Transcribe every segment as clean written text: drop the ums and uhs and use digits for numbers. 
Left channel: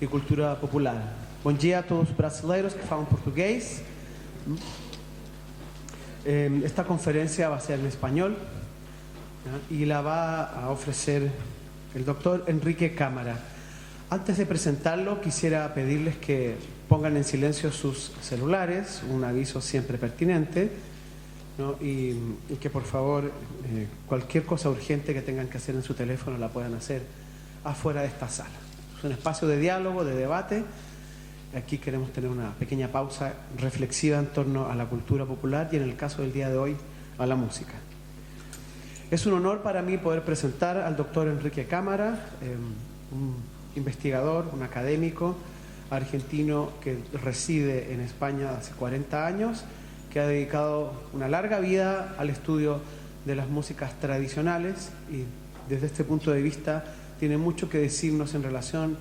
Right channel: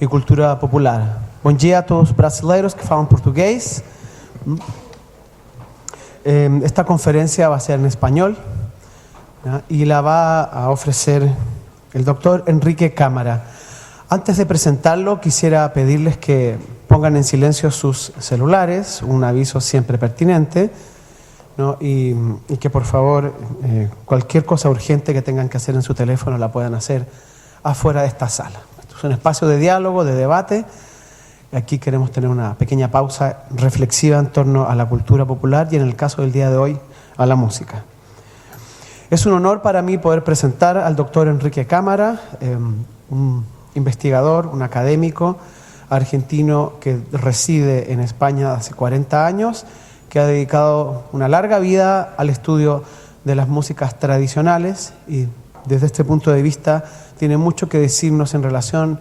e cultura popular. Bom dia a todos os brasileiros que falam português. Esta conferencia va a ser en español, ¿ya? Y la va a ofrecer el doctor Enrique Cámara. Antes de presentarlo, quisiera pedirles que pongan en silencio sus celulares, un aviso siempre pertinente, ¿no? Y que por favor cualquier cosa urgente que tengan que hacer en su teléfono la puedan hacer afuera de esta sala. Esto es un espacio de diálogo, de debate. Aquí queremos tener una pequeña pausa reflexiva en torno a la cultura popular y en el caso del día de hoy a la música. Es un honor para mí poder presentar al doctor Enrique Cámara, un investigador, un académico argentino que reside en España hace 40 años, que ha dedicado una larga vida al estudio de las músicas tradicionales y desde este punto de vista tiene mucho que decirnos en relación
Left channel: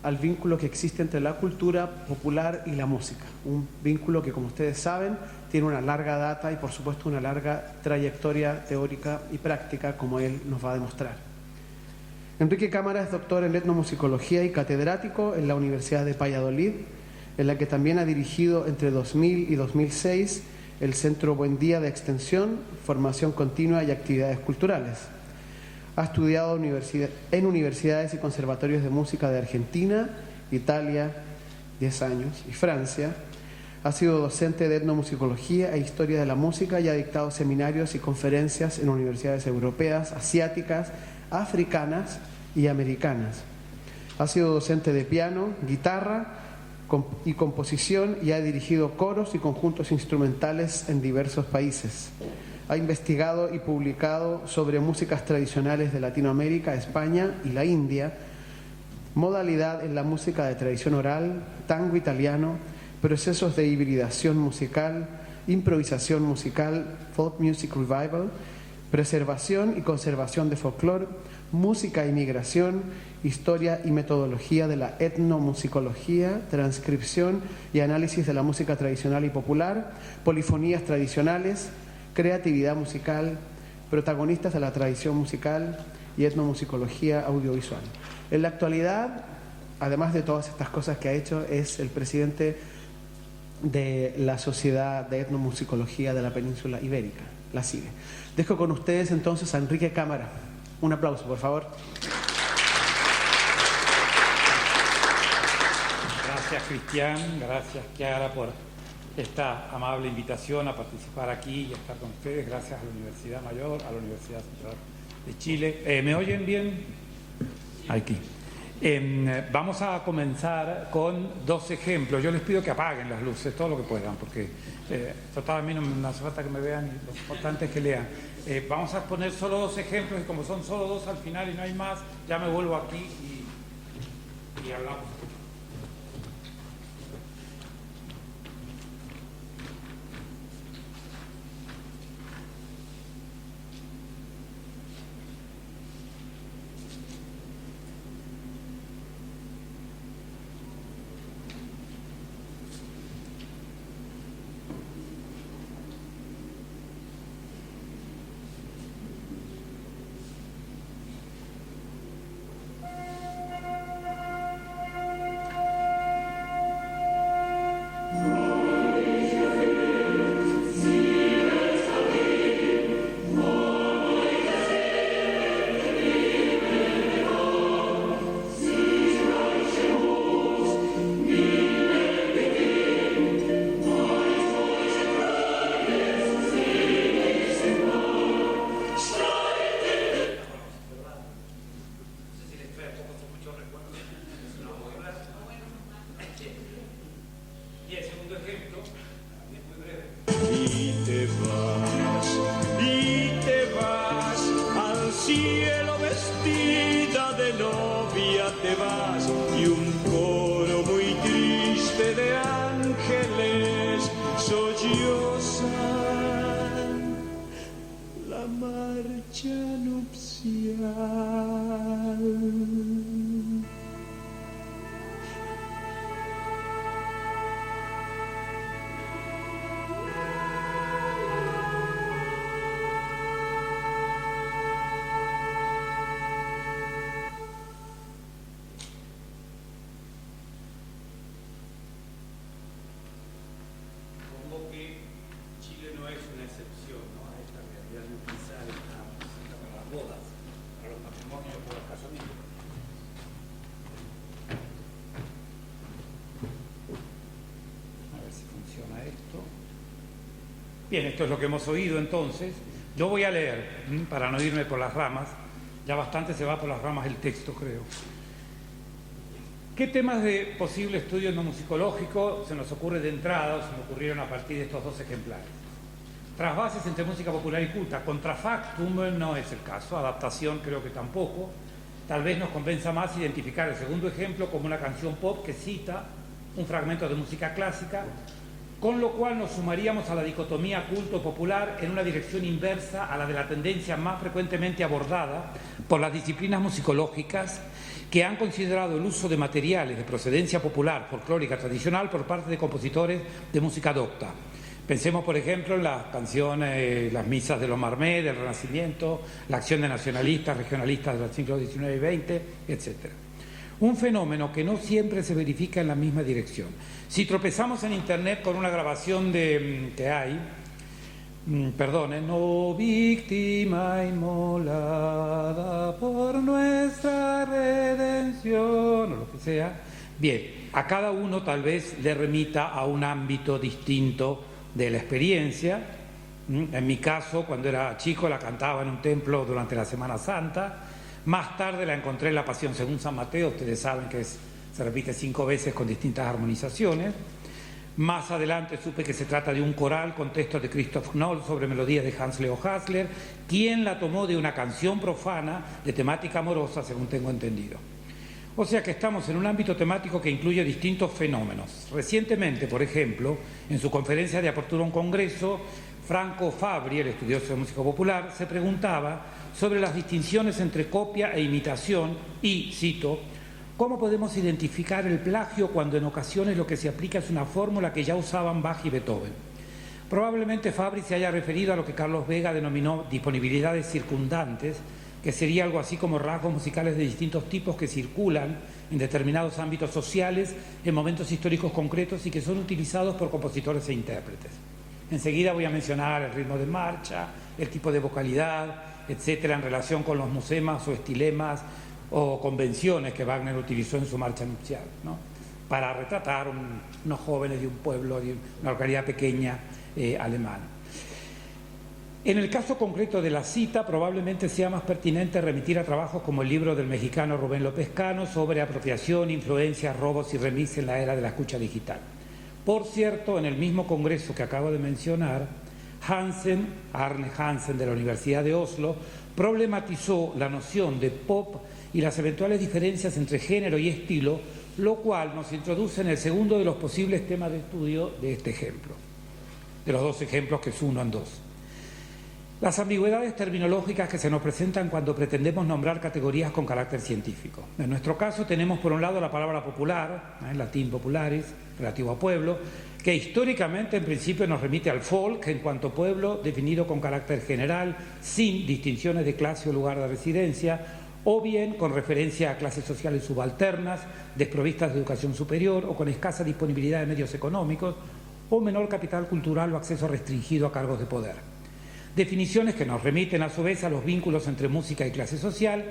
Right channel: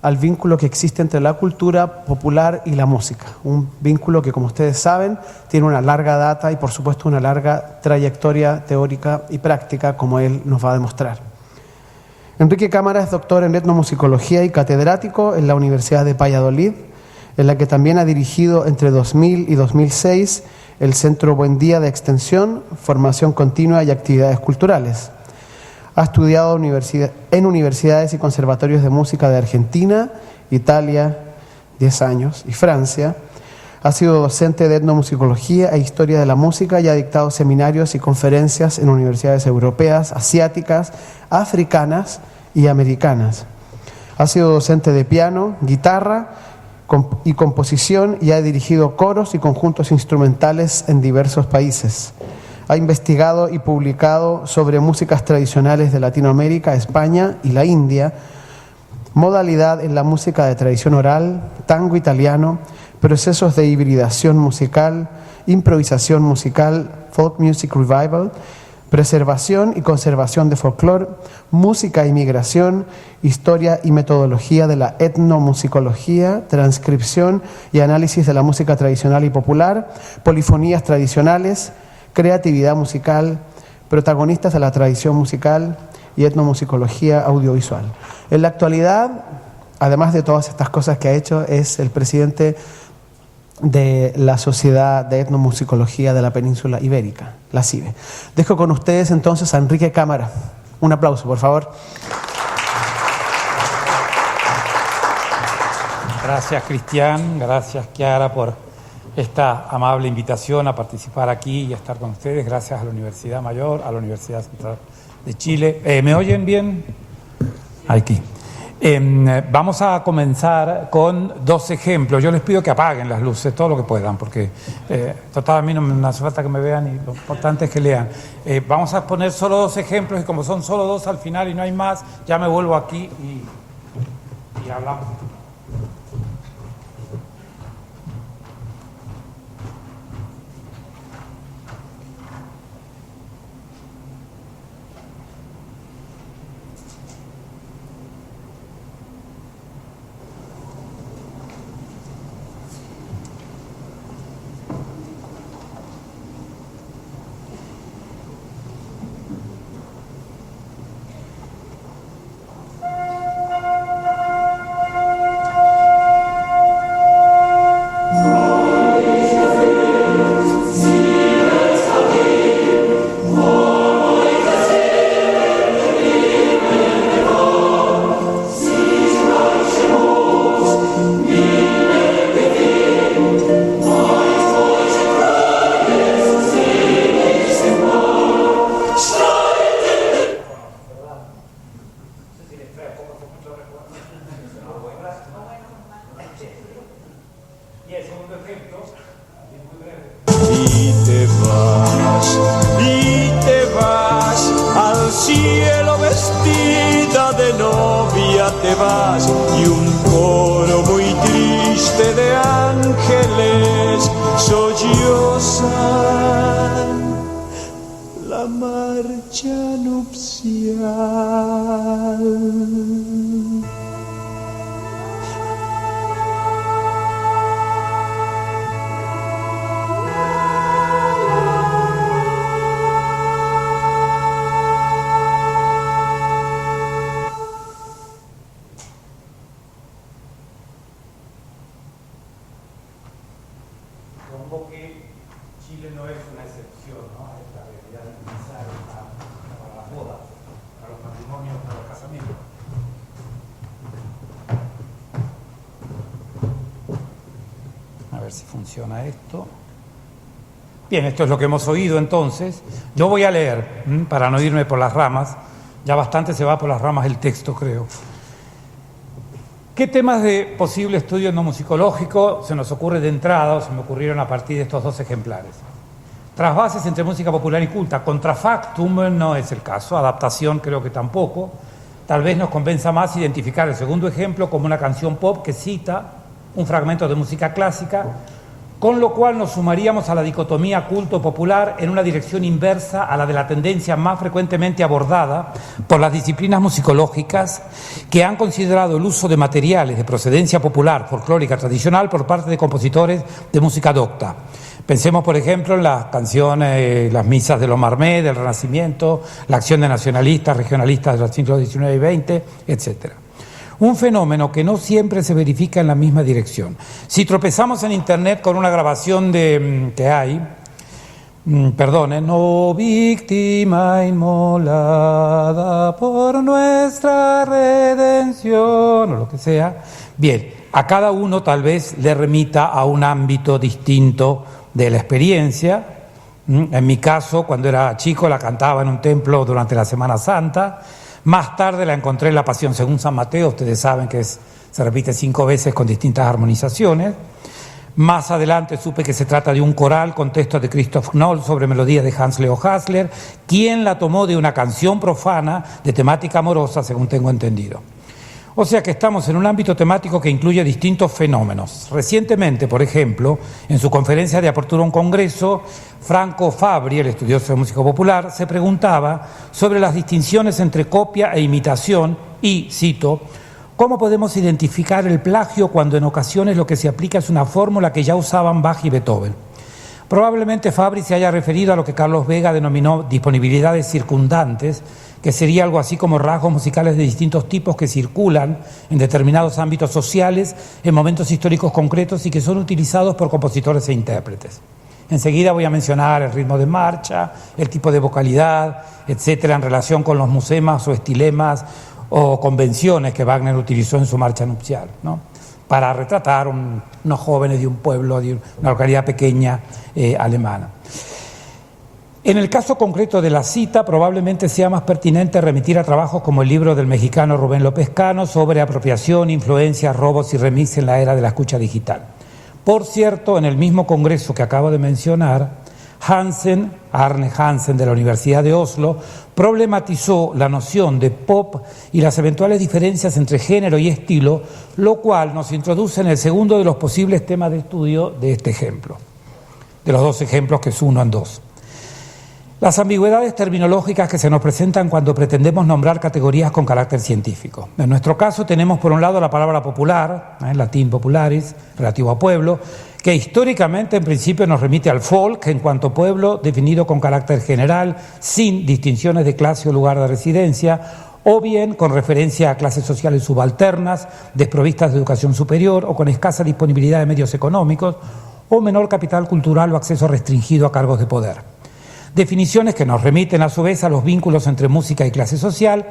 al vínculo que existe entre la cultura popular y la música. Un vínculo que, como ustedes saben, tiene una larga data y, por supuesto, una larga trayectoria teórica y práctica, como él nos va a demostrar. Enrique Cámara es doctor en etnomusicología y catedrático en la Universidad de Valladolid, en la que también ha dirigido entre 2000 y 2006 el Centro Buen Día de Extensión, Formación Continua y Actividades Culturales. Ha estudiado en universidades y conservatorios de música de Argentina, Italia, 10 años, y Francia. Ha sido docente de etnomusicología e historia de la música y ha dictado seminarios y conferencias en universidades europeas, asiáticas, africanas y americanas. Ha sido docente de piano, guitarra y composición y ha dirigido coros y conjuntos instrumentales en diversos países. Ha investigado y publicado sobre músicas tradicionales de Latinoamérica, España y la India, modalidad en la música de tradición oral, tango italiano, procesos de hibridación musical, improvisación musical, folk music revival, preservación y conservación de folclore, música y migración, historia y metodología de la etnomusicología, transcripción y análisis de la música tradicional y popular, polifonías tradicionales, creatividad musical, protagonistas de la tradición musical y etnomusicología audiovisual. En la actualidad, además de todas estas cosas que ha hecho, es el presidente de la Sociedad de Etnomusicología de la Península Ibérica, la CIBE. Dejo con ustedes entonces a Enrique Cámara. Un aplauso, por favor. Gracias, Cristian. Gracias, Chiara, por esta amable invitación a participar aquí y a estar con ustedes. Gracias a la Universidad Mayor, a la Universidad Central de Chile. ¿Me oyen bien? Aquí. Vamos a comenzar con dos ejemplos. Yo les pido que apaguen las luces, todo lo que puedan, porque total, a mí no me hace falta que me vean y lo importante es que lean. Vamos a poner solo dos ejemplos y como son solo dos al final y no hay más, ya me vuelvo aquí y hablamos. supongo que Chile no es una excepción, ¿no?, a esta realidad de utilizar esta música para las bodas, para los matrimonios, para los casamientos. A ver si funciona esto. Bien, esto es lo que hemos oído entonces. Yo voy a leer, para no irme por las ramas. Ya bastante se va por las ramas el texto, creo. ¿Qué temas de posible estudio etnomusicológico se nos ocurre de entrada o se me ocurrieron a partir de estos dos ejemplares? Trasvases entre música popular y culta. Contrafactum no es el caso, adaptación creo que tampoco. Tal vez nos convenza más identificar el segundo ejemplo como una canción pop que cita un fragmento de música clásica, con lo cual nos sumaríamos a la dicotomía culto-popular en una dirección inversa a la de la tendencia más frecuentemente abordada por las disciplinas musicológicas que han considerado el uso de materiales de procedencia popular, folclórica, tradicional por parte de compositores de música docta. Pensemos, por ejemplo, en las canciones, las misas de los Marmé, del Renacimiento, la acción de nacionalistas, regionalistas de los siglos XIX y XX, etcétera. Un fenómeno que no siempre se verifica en la misma dirección. Si tropezamos en internet con una grabación que hay, no víctima inmolada por nuestra redención, o lo que sea, bien, a cada uno tal vez le remita a un ámbito distinto de la experiencia. En mi caso, cuando era chico, la cantaba en un templo durante la Semana Santa. Más tarde la encontré en la Pasión según San Mateo, ustedes saben que se repite 5 veces con distintas armonizaciones. Más adelante supe que se trata de un coral con texto de Christoph Knoll sobre melodías de Hans Leo Hasler, quien la tomó de una canción profana de temática amorosa, según tengo entendido. O sea que estamos en un ámbito temático que incluye distintos fenómenos. Recientemente, por ejemplo, en su conferencia de apertura a un congreso, Franco Fabri, el estudioso de música popular, se preguntaba sobre las distinciones entre copia e imitación y, cito, ¿cómo podemos identificar el plagio cuando en ocasiones lo que se aplica es una fórmula que ya usaban Bach y Beethoven? Probablemente Fabri se haya referido a lo que Carlos Vega denominó disponibilidades circundantes, que sería algo así como rasgos musicales de distintos tipos que circulan en determinados ámbitos sociales en momentos históricos concretos y que son utilizados por compositores e intérpretes. Enseguida voy a mencionar el ritmo de marcha, el tipo de vocalidad, etcétera, en relación con los musemas o estilemas o convenciones que Wagner utilizó en su marcha nupcial, ¿no?, para retratar unos jóvenes de un pueblo, de una localidad pequeña alemana. En el caso concreto de la cita, probablemente sea más pertinente remitir a trabajos como el libro del mexicano Rubén López Cano sobre apropiación, influencias, robos y remix en la era de la escucha digital. Por cierto, en el mismo congreso que acabo de mencionar, Arne Hansen de la Universidad de Oslo, problematizó la noción de pop y las eventuales diferencias entre género y estilo, lo cual nos introduce en el segundo de los posibles temas de estudio de este ejemplo, de los dos ejemplos que es uno en dos. Las ambigüedades terminológicas que se nos presentan cuando pretendemos nombrar categorías con carácter científico. En nuestro caso tenemos por un lado la palabra popular, en latín popularis, relativo a pueblo, que históricamente en principio nos remite al folk en cuanto pueblo definido con carácter general, sin distinciones de clase o lugar de residencia, o bien con referencia a clases sociales subalternas, desprovistas de educación superior o con escasa disponibilidad de medios económicos, o menor capital cultural o acceso restringido a cargos de poder. Definiciones que nos remiten a su vez a los vínculos entre música y clase social,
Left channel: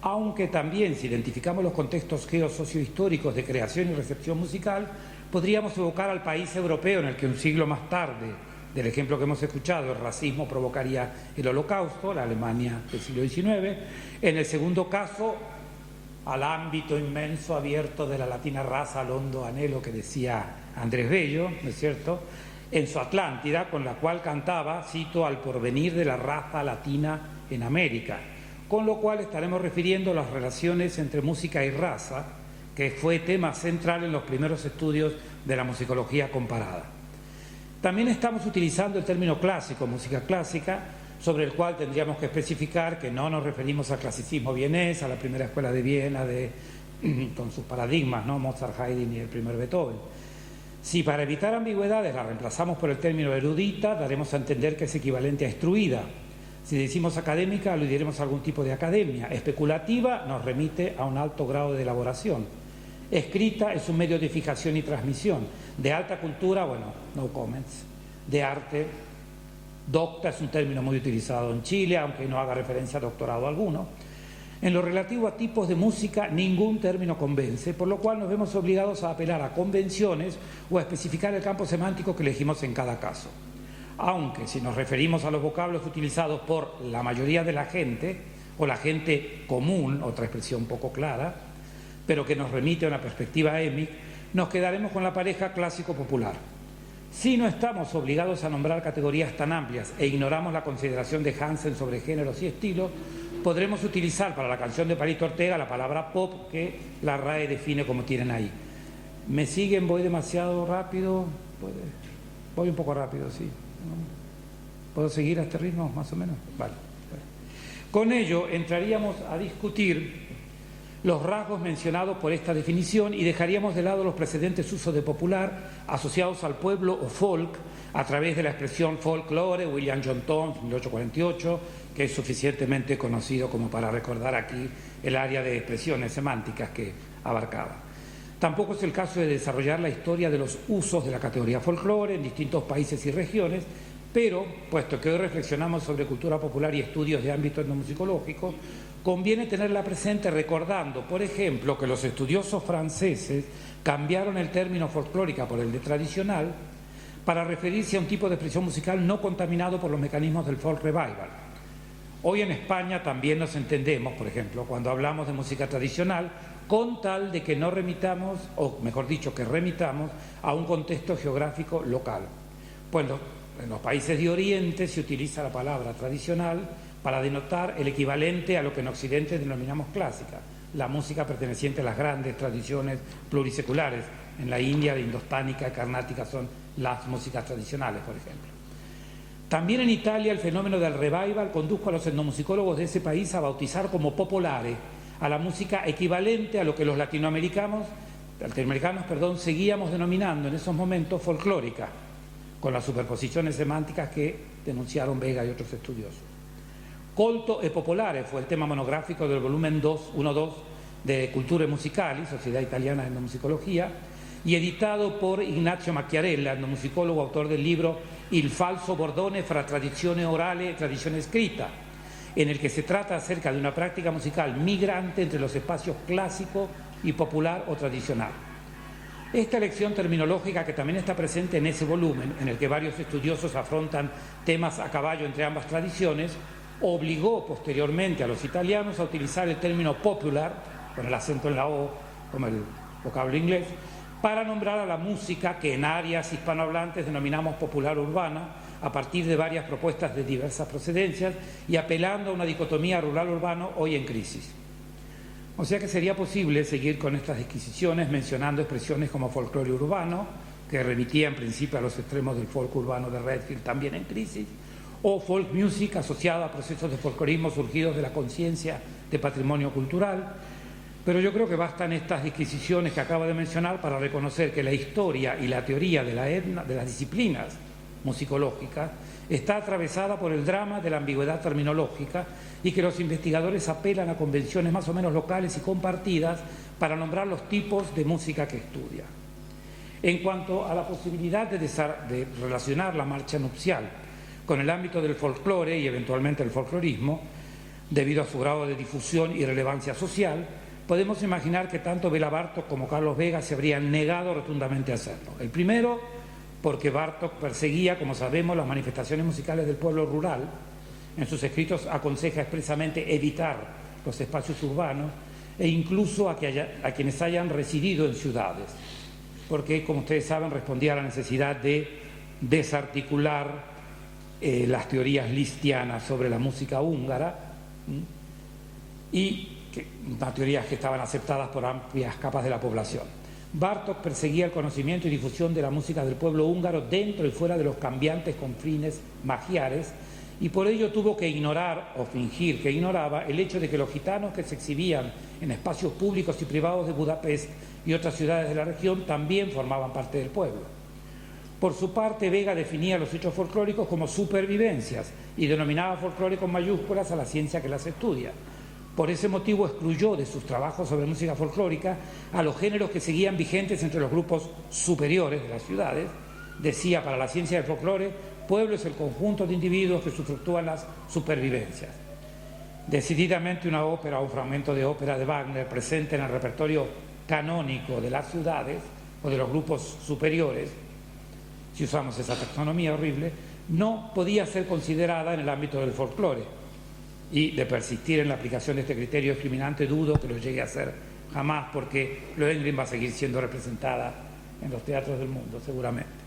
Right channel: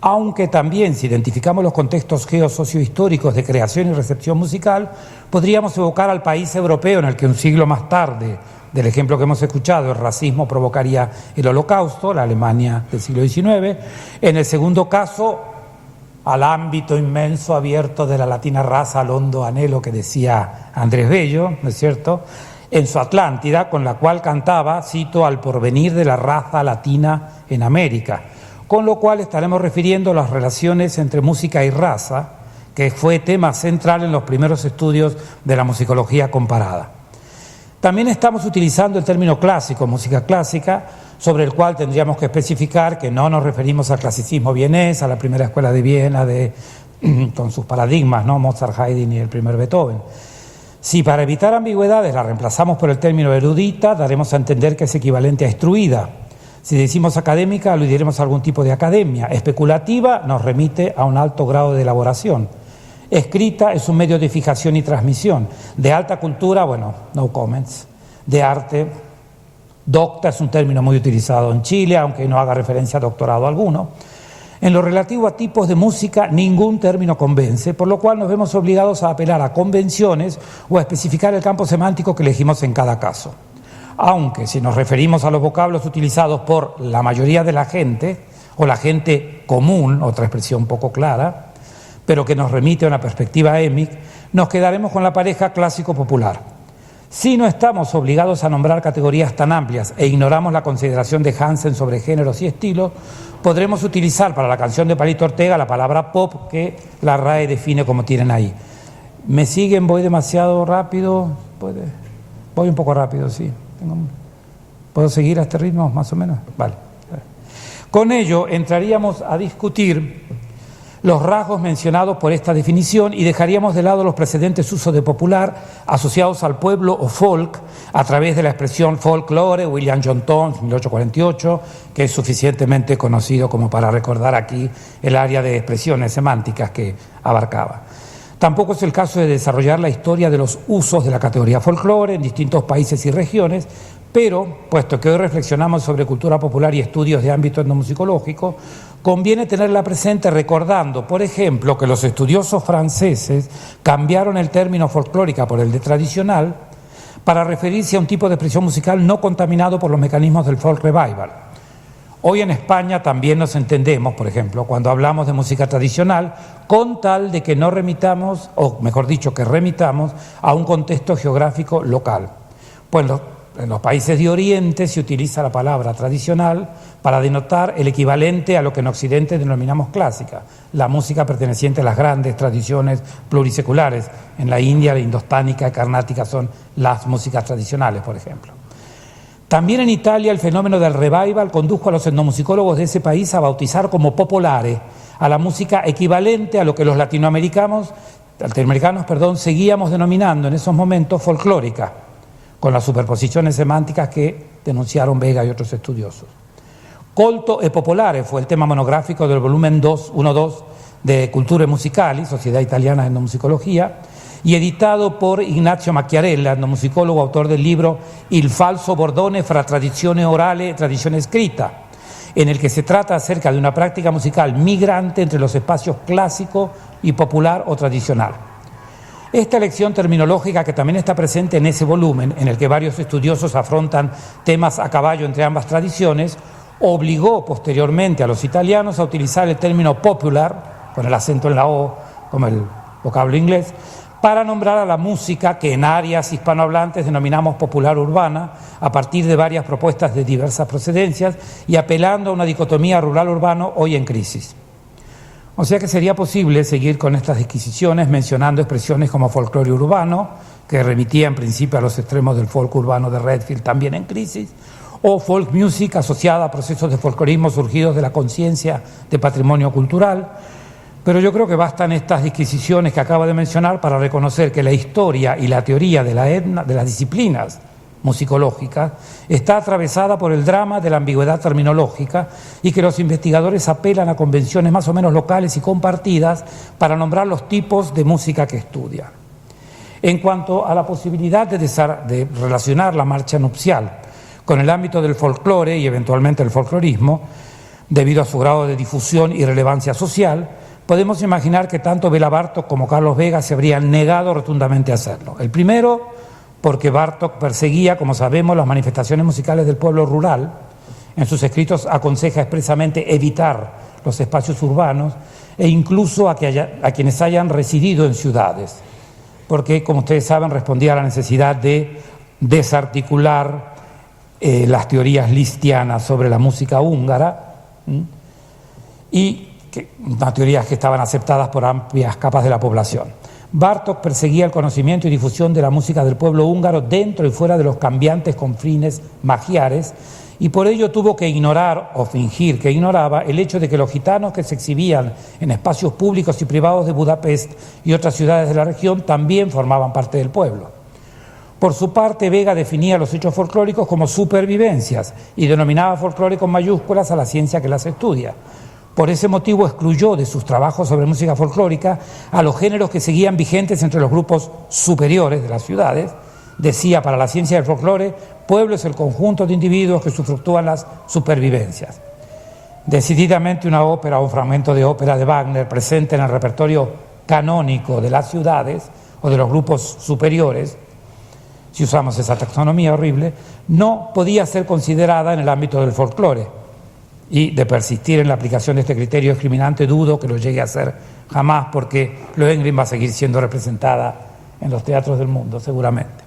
aunque también si identificamos los contextos geosociohistóricos de creación y recepción musical, podríamos evocar al país europeo en el que un siglo más tarde del ejemplo que hemos escuchado, el racismo provocaría el Holocausto, la Alemania del siglo XIX. En el segundo caso, al ámbito inmenso abierto de la latina raza, al hondo anhelo que decía Andrés Bello, ¿no es cierto?, en su Atlántida, con la cual cantaba, cito, al porvenir de la raza latina en América, con lo cual estaremos refiriendo las relaciones entre música y raza, que fue tema central en los primeros estudios de la musicología comparada. También estamos utilizando el término clásico, música clásica, sobre el cual tendríamos que especificar que no nos referimos al clasicismo vienés, a la primera escuela de Viena con sus paradigmas, ¿no?, Mozart, Haydn y el primer Beethoven. Si para evitar ambigüedades la reemplazamos por el término erudita, daremos a entender que es equivalente a instruida. Si decimos académica, aludiremos a algún tipo de academia. Especulativa nos remite a un alto grado de elaboración. Escrita es un medio de fijación y transmisión. De alta cultura, bueno, no comments. de arte. Docta es un término muy utilizado en Chile, aunque no haga referencia a doctorado alguno. En lo relativo a tipos de música, ningún término convence, por lo cual nos vemos obligados a apelar a convenciones o a especificar el campo semántico que elegimos en cada caso. Aunque, si nos referimos a los vocablos utilizados por la mayoría de la gente, o la gente común, otra expresión poco clara, pero que nos remite a una perspectiva émic, nos quedaremos con la pareja clásico-popular. Si no estamos obligados a nombrar categorías tan amplias e ignoramos la consideración de Hansen sobre géneros y estilos, podremos utilizar para la canción de Palito Ortega la palabra pop que la RAE define como tienen ahí. ¿Me siguen? ¿Voy demasiado rápido? Voy un poco rápido, sí. ¿Puedo seguir a este ritmo más o menos? Vale. Con ello entraríamos a discutir los rasgos mencionados por esta definición y dejaríamos de lado los precedentes usos de popular asociados al pueblo o folk a través de la expresión folklore, William John Thoms, 1848, que es suficientemente conocido como para recordar aquí el área de expresiones semánticas que abarcaba. Tampoco es el caso de desarrollar la historia de los usos de la categoría folclore en distintos países y regiones, pero, puesto que hoy reflexionamos sobre cultura popular y estudios de ámbito etnomusicológico, conviene tenerla presente recordando, por ejemplo, que los estudiosos franceses cambiaron el término folclórica por el de tradicional para referirse a un tipo de expresión musical no contaminado por los mecanismos del folk revival. Hoy en España también nos entendemos, por ejemplo, cuando hablamos de música tradicional, con tal de que no remitamos, o mejor dicho, que remitamos a un contexto geográfico local. Pues en los países de Oriente se utiliza la palabra tradicional para denotar el equivalente a lo que en Occidente denominamos clásica, la música perteneciente a las grandes tradiciones pluriseculares. En la India, la indostánica y carnática son las músicas tradicionales, por ejemplo. También en Italia el fenómeno del revival condujo a los etnomusicólogos de ese país a bautizar como popolare a la música equivalente a lo que los latinoamericanos seguíamos denominando en esos momentos folclórica, con las superposiciones semánticas que denunciaron Vega y otros estudiosos. Colto e Popolare fue el tema monográfico del volumen 1-2 de Culture Musicali, Sociedad Italiana de Etnomusicología, y editado por Ignazio Macchiarella, etnomusicólogo, autor del libro Il falso bordone fra tradizione orale e tradizione scritta, en el que se trata acerca de una práctica musical migrante entre los espacios clásico y popular o tradicional. Esta elección terminológica, que también está presente en ese volumen, en el que varios estudiosos afrontan temas a caballo entre ambas tradiciones, obligó posteriormente a los italianos a utilizar el término popular, con el acento en la O, como el vocablo inglés, para nombrar a la música que en áreas hispanohablantes denominamos popular urbana, a partir de varias propuestas de diversas procedencias y apelando a una dicotomía rural-urbano hoy en crisis. O sea que sería posible seguir con estas disquisiciones mencionando expresiones como folclore urbano, que remitía en principio a los extremos del folk urbano de Redfield, también en crisis, o folk music asociada a procesos de folclorismo surgidos de la conciencia de patrimonio cultural. Pero yo creo que bastan estas disquisiciones que acabo de mencionar para reconocer que la historia y la teoría de las disciplinas musicológicas está atravesada por el drama de la ambigüedad terminológica y que los investigadores apelan a convenciones más o menos locales y compartidas para nombrar los tipos de música que estudian. En cuanto a la posibilidad de relacionar la marcha nupcial con el ámbito del folclore y eventualmente el folclorismo, debido a su grado de difusión y relevancia social, podemos imaginar que tanto Béla Bartók como Carlos Vega se habrían negado rotundamente a hacerlo. El primero, porque Bartók perseguía, como sabemos, las manifestaciones musicales del pueblo rural. En sus escritos aconseja expresamente evitar los espacios urbanos e incluso a quienes hayan residido en ciudades, porque, como ustedes saben, respondía a la necesidad de desarticular las teorías listianas sobre la música húngara y unas teorías que estaban aceptadas por amplias capas de la población. Bartók perseguía el conocimiento y difusión de la música del pueblo húngaro dentro y fuera de los cambiantes confines magiares, y por ello tuvo que ignorar o fingir que ignoraba el hecho de que los gitanos que se exhibían en espacios públicos y privados de Budapest y otras ciudades de la región también formaban parte del pueblo. Por su parte, Vega definía los hechos folclóricos como supervivencias y denominaba folclore con mayúsculas a la ciencia que las estudia. Por ese motivo excluyó de sus trabajos sobre música folclórica a los géneros que seguían vigentes entre los grupos superiores de las ciudades decía para la ciencia del folclore, pueblo es el conjunto de individuos que sufructúan las supervivencias. Decididamente una ópera o un fragmento de ópera de Wagner presente en el repertorio canónico de las ciudades o de los grupos superiores, si usamos esa taxonomía horrible, no podía ser considerada en el ámbito del folclore. Y de persistir en la aplicación de este criterio discriminante, dudo que lo llegue a hacer jamás, porque Lohengrin va a seguir siendo representada en los teatros del mundo, seguramente.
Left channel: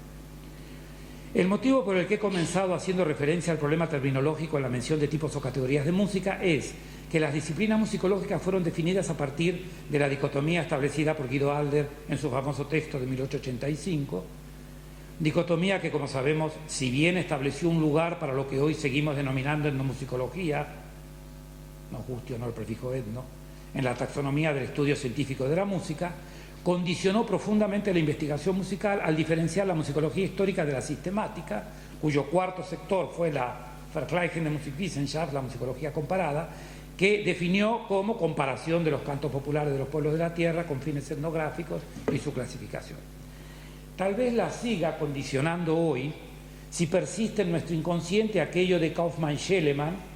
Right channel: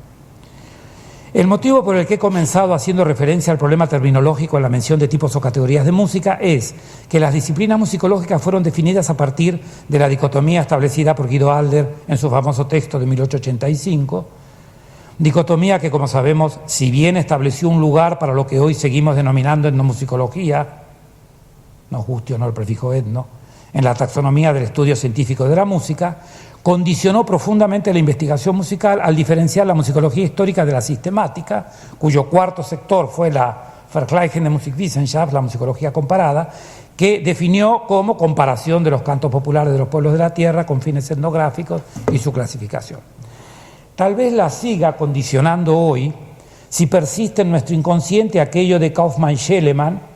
El motivo por el que he comenzado haciendo referencia al problema terminológico en la mención de tipos o categorías de música es que las disciplinas musicológicas fueron definidas a partir de la dicotomía establecida por Guido Adler en su famoso texto de 1885, dicotomía que, como sabemos, si bien estableció un lugar para lo que hoy seguimos denominando etnomusicología, nos guste o no el prefijo etno, en la taxonomía del estudio científico de la música, condicionó profundamente la investigación musical al diferenciar la musicología histórica de la sistemática, cuyo cuarto sector fue la Vergleichende Musikwissenschaft, la musicología comparada, que definió como comparación de los cantos populares de los pueblos de la tierra con fines etnográficos y su clasificación. Tal vez la siga condicionando hoy si persiste en nuestro inconsciente aquello de Kaufmann-Schellemann.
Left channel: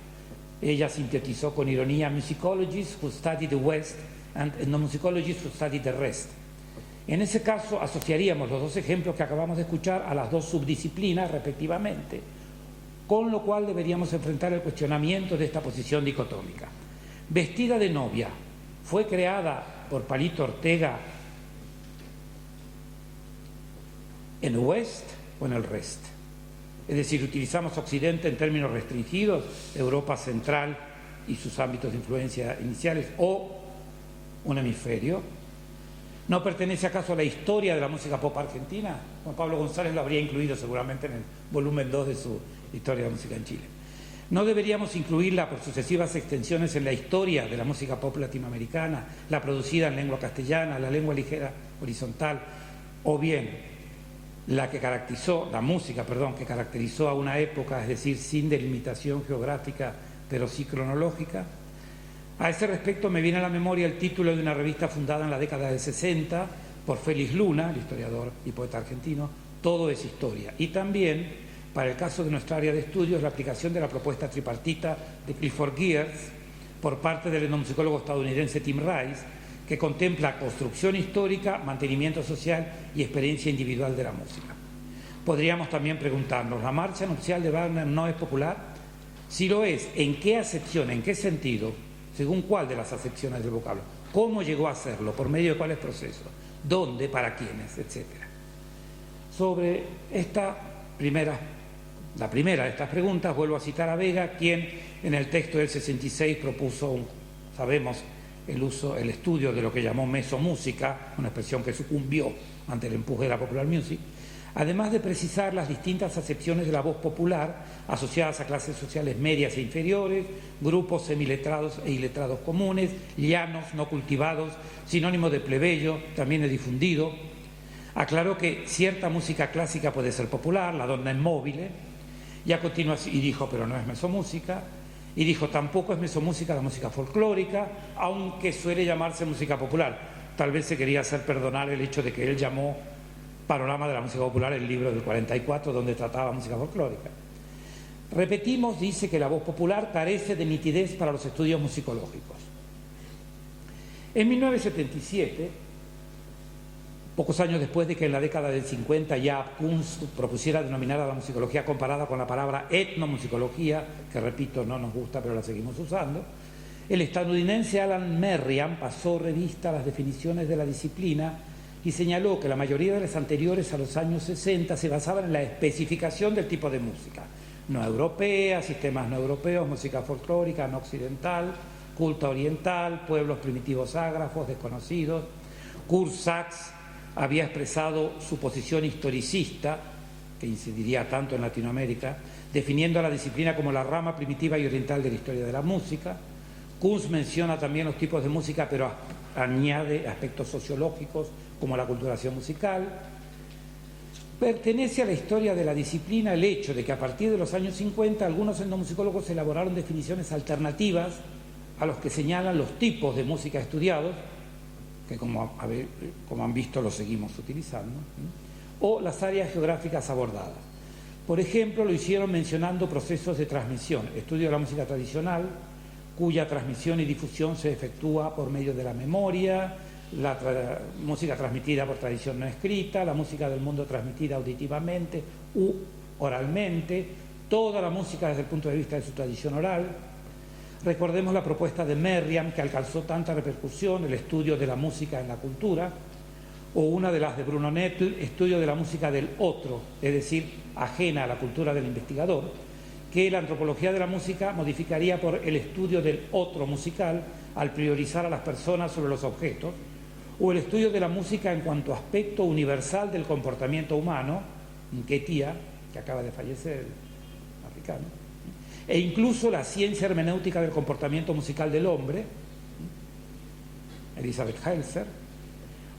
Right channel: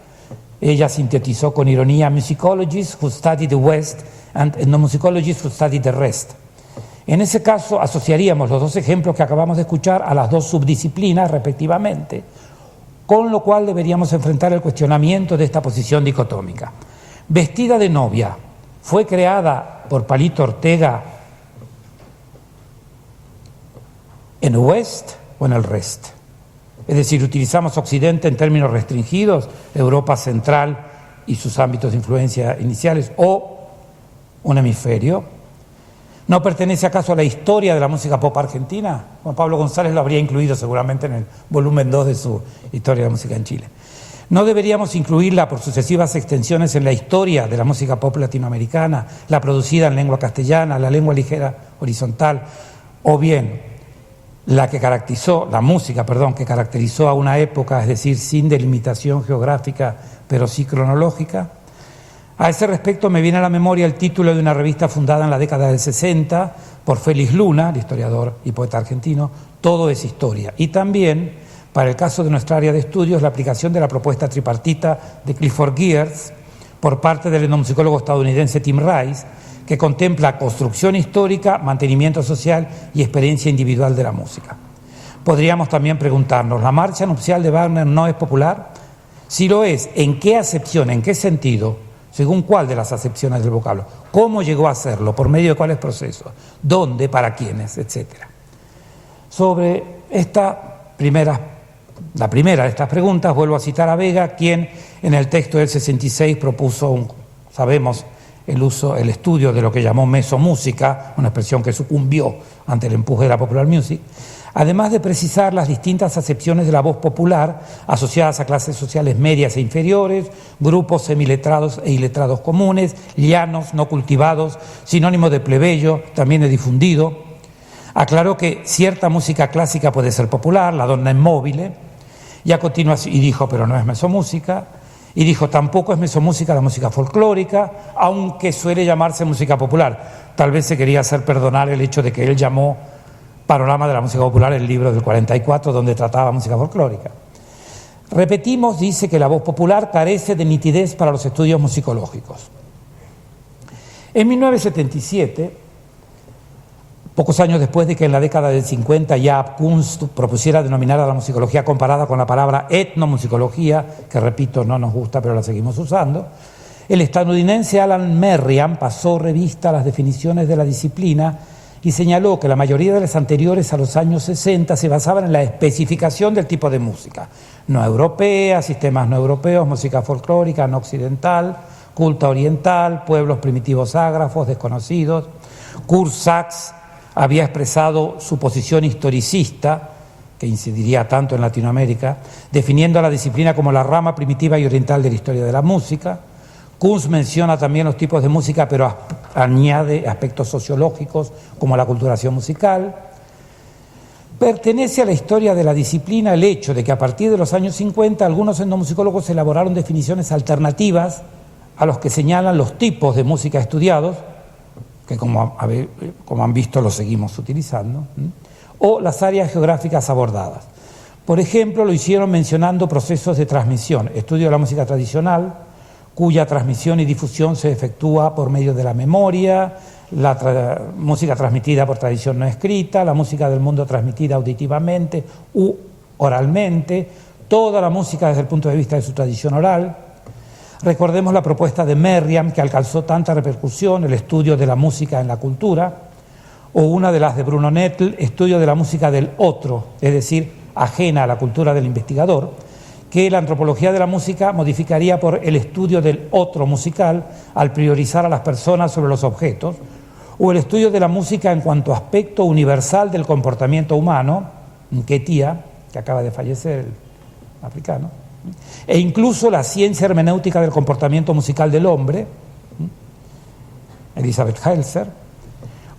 Ella sintetizó con ironía: musicologists who study the West and ethnomusicologists who study the rest. En ese caso asociaríamos los dos ejemplos que acabamos de escuchar a las dos subdisciplinas respectivamente, con lo cual deberíamos enfrentar el cuestionamiento de esta posición dicotómica. Vestida de novia, ¿fue creada por Palito Ortega en el West o en el Rest? Es decir, utilizamos Occidente en términos restringidos, Europa Central y sus ámbitos de influencia iniciales, o un hemisferio. ¿No pertenece acaso a la historia de la música pop argentina? Juan Pablo González lo habría incluido seguramente en el volumen 2 de su Historia de la Música en Chile. ¿No deberíamos incluirla por sucesivas extensiones en la historia de la música pop latinoamericana, la producida en lengua castellana, la lengua ligera horizontal, o bien la música que caracterizó a una época, es decir, sin delimitación geográfica, pero sí cronológica? A ese respecto me viene a la memoria el título de una revista fundada en la década del 60 por Félix Luna, el historiador y poeta argentino, Todo es Historia. Y también, para el caso de nuestra área de estudios, la aplicación de la propuesta tripartita de Clifford Geertz por parte del etnomusicólogo estadounidense Tim Rice, que contempla construcción histórica, mantenimiento social y experiencia individual de la música. Podríamos también preguntarnos, ¿la marcha nupcial de Wagner no es popular? Si lo es, ¿en qué acepción, en qué sentido, según cuál de las acepciones del vocablo? ¿Cómo llegó a hacerlo? ¿Por medio de cuáles procesos? ¿Dónde? ¿Para quiénes? Etcétera. Sobre la primera de estas preguntas, vuelvo a citar a Vega, quien en el texto del 66 propuso el estudio de lo que llamó mesomúsica, una expresión que sucumbió ante el empuje de la popular music, además de precisar las distintas acepciones de la voz popular asociadas a clases sociales medias e inferiores, grupos semiletrados e iletrados comunes, llanos, no cultivados, sinónimo de plebeyo, también de difundido. Aclaró que cierta música clásica puede ser popular, la donna immobile, y a continuación, y dijo, pero no es mesomúsica. Y dijo, tampoco es mesomúsica la música folclórica, aunque suele llamarse música popular. Tal vez se quería hacer perdonar el hecho de que él llamó Panorama de la Música Popular el libro del 44, donde trataba música folclórica. Repetimos, dice que la voz popular carece de nitidez para los estudios musicológicos. En 1977, pocos años después de que en la década del 50 Jaap Kunst propusiera denominar a la musicología comparada con la palabra etnomusicología, que repito, no nos gusta pero la seguimos usando, el estadounidense Alan Merriam pasó revista a las definiciones de la disciplina y señaló que la mayoría de las anteriores a los años 60 se basaban en la especificación del tipo de música, no europea, sistemas no europeos, música folclórica, no occidental, culta oriental, pueblos primitivos ágrafos, desconocidos. Kurt Sachs había expresado su posición historicista, que incidiría tanto en Latinoamérica, definiendo a la disciplina como la rama primitiva y oriental de la historia de la música. Kunz menciona también los tipos de música, pero añade aspectos sociológicos como la culturación musical. Pertenece a la historia de la disciplina el hecho de que a partir de los años 50 algunos etnomusicólogos elaboraron definiciones alternativas a los que señalan los tipos de música estudiados, que como han visto los seguimos utilizando. o las áreas geográficas abordadas. Por ejemplo, lo hicieron mencionando procesos de transmisión, estudio de la música tradicional, cuya transmisión y difusión se efectúa por medio de la memoria, la música transmitida por tradición no escrita, la música del mundo transmitida auditivamente u oralmente, toda la música desde el punto de vista de su tradición oral. Recordemos la propuesta de Merriam, que alcanzó tanta repercusión, el estudio de la música en la cultura, o una de las de Bruno Nettel, estudio de la música del otro, es decir, ajena a la cultura del investigador, que la antropología de la música modificaría por el estudio del otro musical al priorizar a las personas sobre los objetos, o el estudio de la música en cuanto a aspecto universal del comportamiento humano, Nketiah, que acaba de fallecer, el africano, e incluso la ciencia hermenéutica del comportamiento musical del hombre, Elizabeth Helser,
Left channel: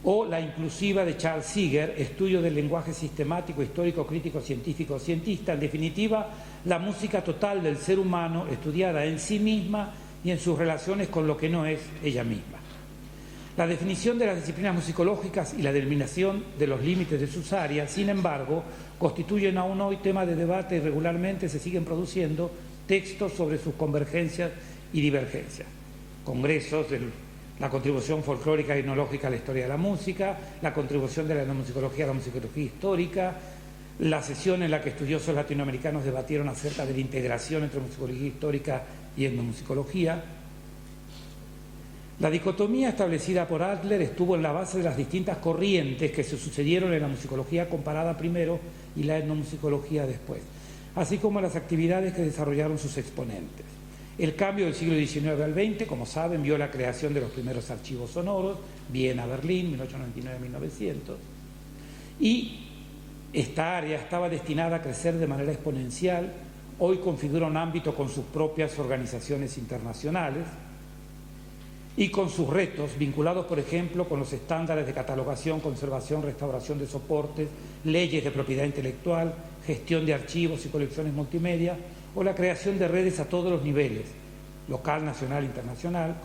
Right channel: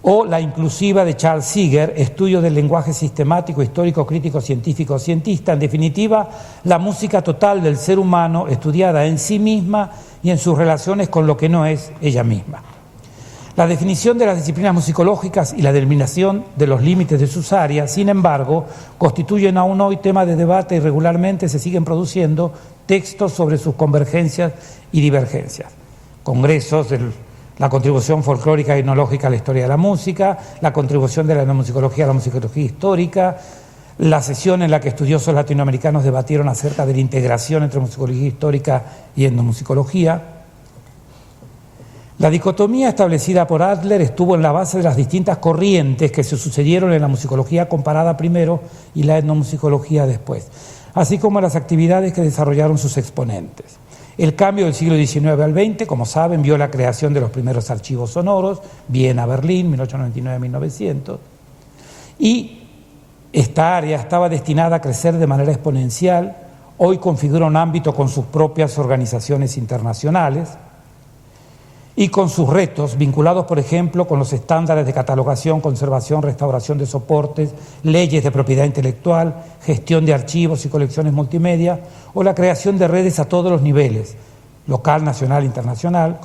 o la inclusiva de Charles Seeger, estudio del lenguaje sistemático, histórico, crítico, científico, cientista, en definitiva, la música total del ser humano estudiada en sí misma y en sus relaciones con lo que no es ella misma. La definición de las disciplinas musicológicas y la determinación de los límites de sus áreas, sin embargo, constituyen aún hoy tema de debate y regularmente se siguen produciendo textos sobre sus convergencias y divergencias. Congresos de la contribución folclórica y etnológica a la historia de la música, la contribución de la etnomusicología a la musicología histórica, la sesión en la que estudiosos latinoamericanos debatieron acerca de la integración entre musicología histórica y etnomusicología. La dicotomía establecida por Adler estuvo en la base de las distintas corrientes que se sucedieron en la musicología comparada primero y la etnomusicología después, así como las actividades que desarrollaron sus exponentes. El cambio del siglo XIX al XX, como saben, vio la creación de los primeros archivos sonoros, Viena, Berlín, 1899-1900, y esta área estaba destinada a crecer de manera exponencial. Hoy configura un ámbito con sus propias organizaciones internacionales y con sus retos vinculados, por ejemplo, con los estándares de catalogación, conservación, restauración de soportes, leyes de propiedad intelectual, gestión de archivos y colecciones multimedia, o la creación de redes a todos los niveles, local, nacional, internacional,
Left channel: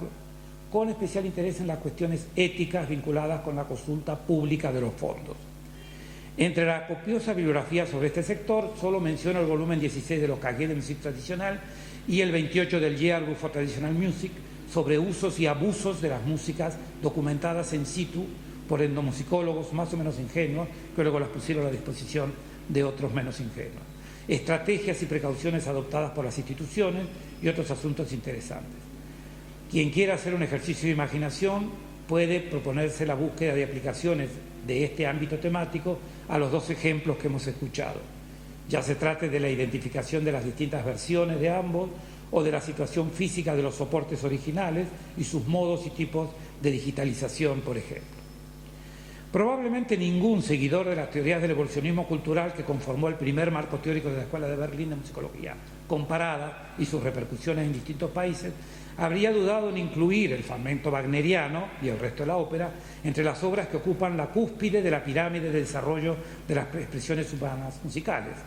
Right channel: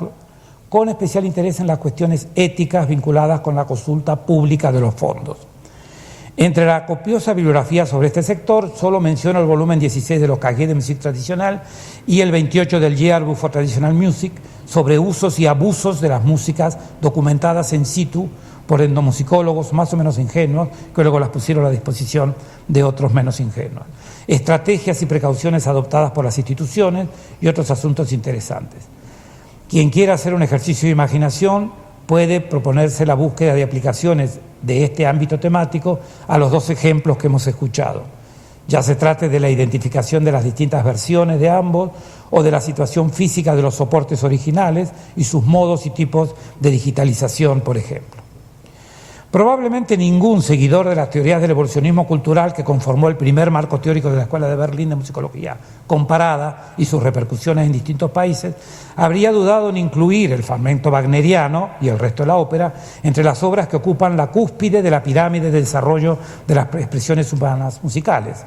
con especial interés en las cuestiones éticas vinculadas con la consulta pública de los fondos. Entre la copiosa bibliografía sobre este sector, solo menciono el volumen 16 de los Cahiers de Musique Traditionnelle y el 28 del Yearbook for Traditional Music, sobre usos y abusos de las músicas documentadas in situ por etnomusicólogos más o menos ingenuos, que luego las pusieron a disposición de otros menos ingenuos. Estrategias y precauciones adoptadas por las instituciones y otros asuntos interesantes. Quien quiera hacer un ejercicio de imaginación puede proponerse la búsqueda de aplicaciones de este ámbito temático a los dos ejemplos que hemos escuchado. Ya se trate de la identificación de las distintas versiones de ambos o de la situación física de los soportes originales y sus modos y tipos de digitalización, por ejemplo. Probablemente ningún seguidor de las teorías del evolucionismo cultural que conformó el primer marco teórico de la Escuela de Berlín de Musicología comparada y sus repercusiones en distintos países habría dudado en incluir el fragmento wagneriano y el resto de la ópera entre las obras que ocupan la cúspide de la pirámide de desarrollo de las expresiones humanas musicales,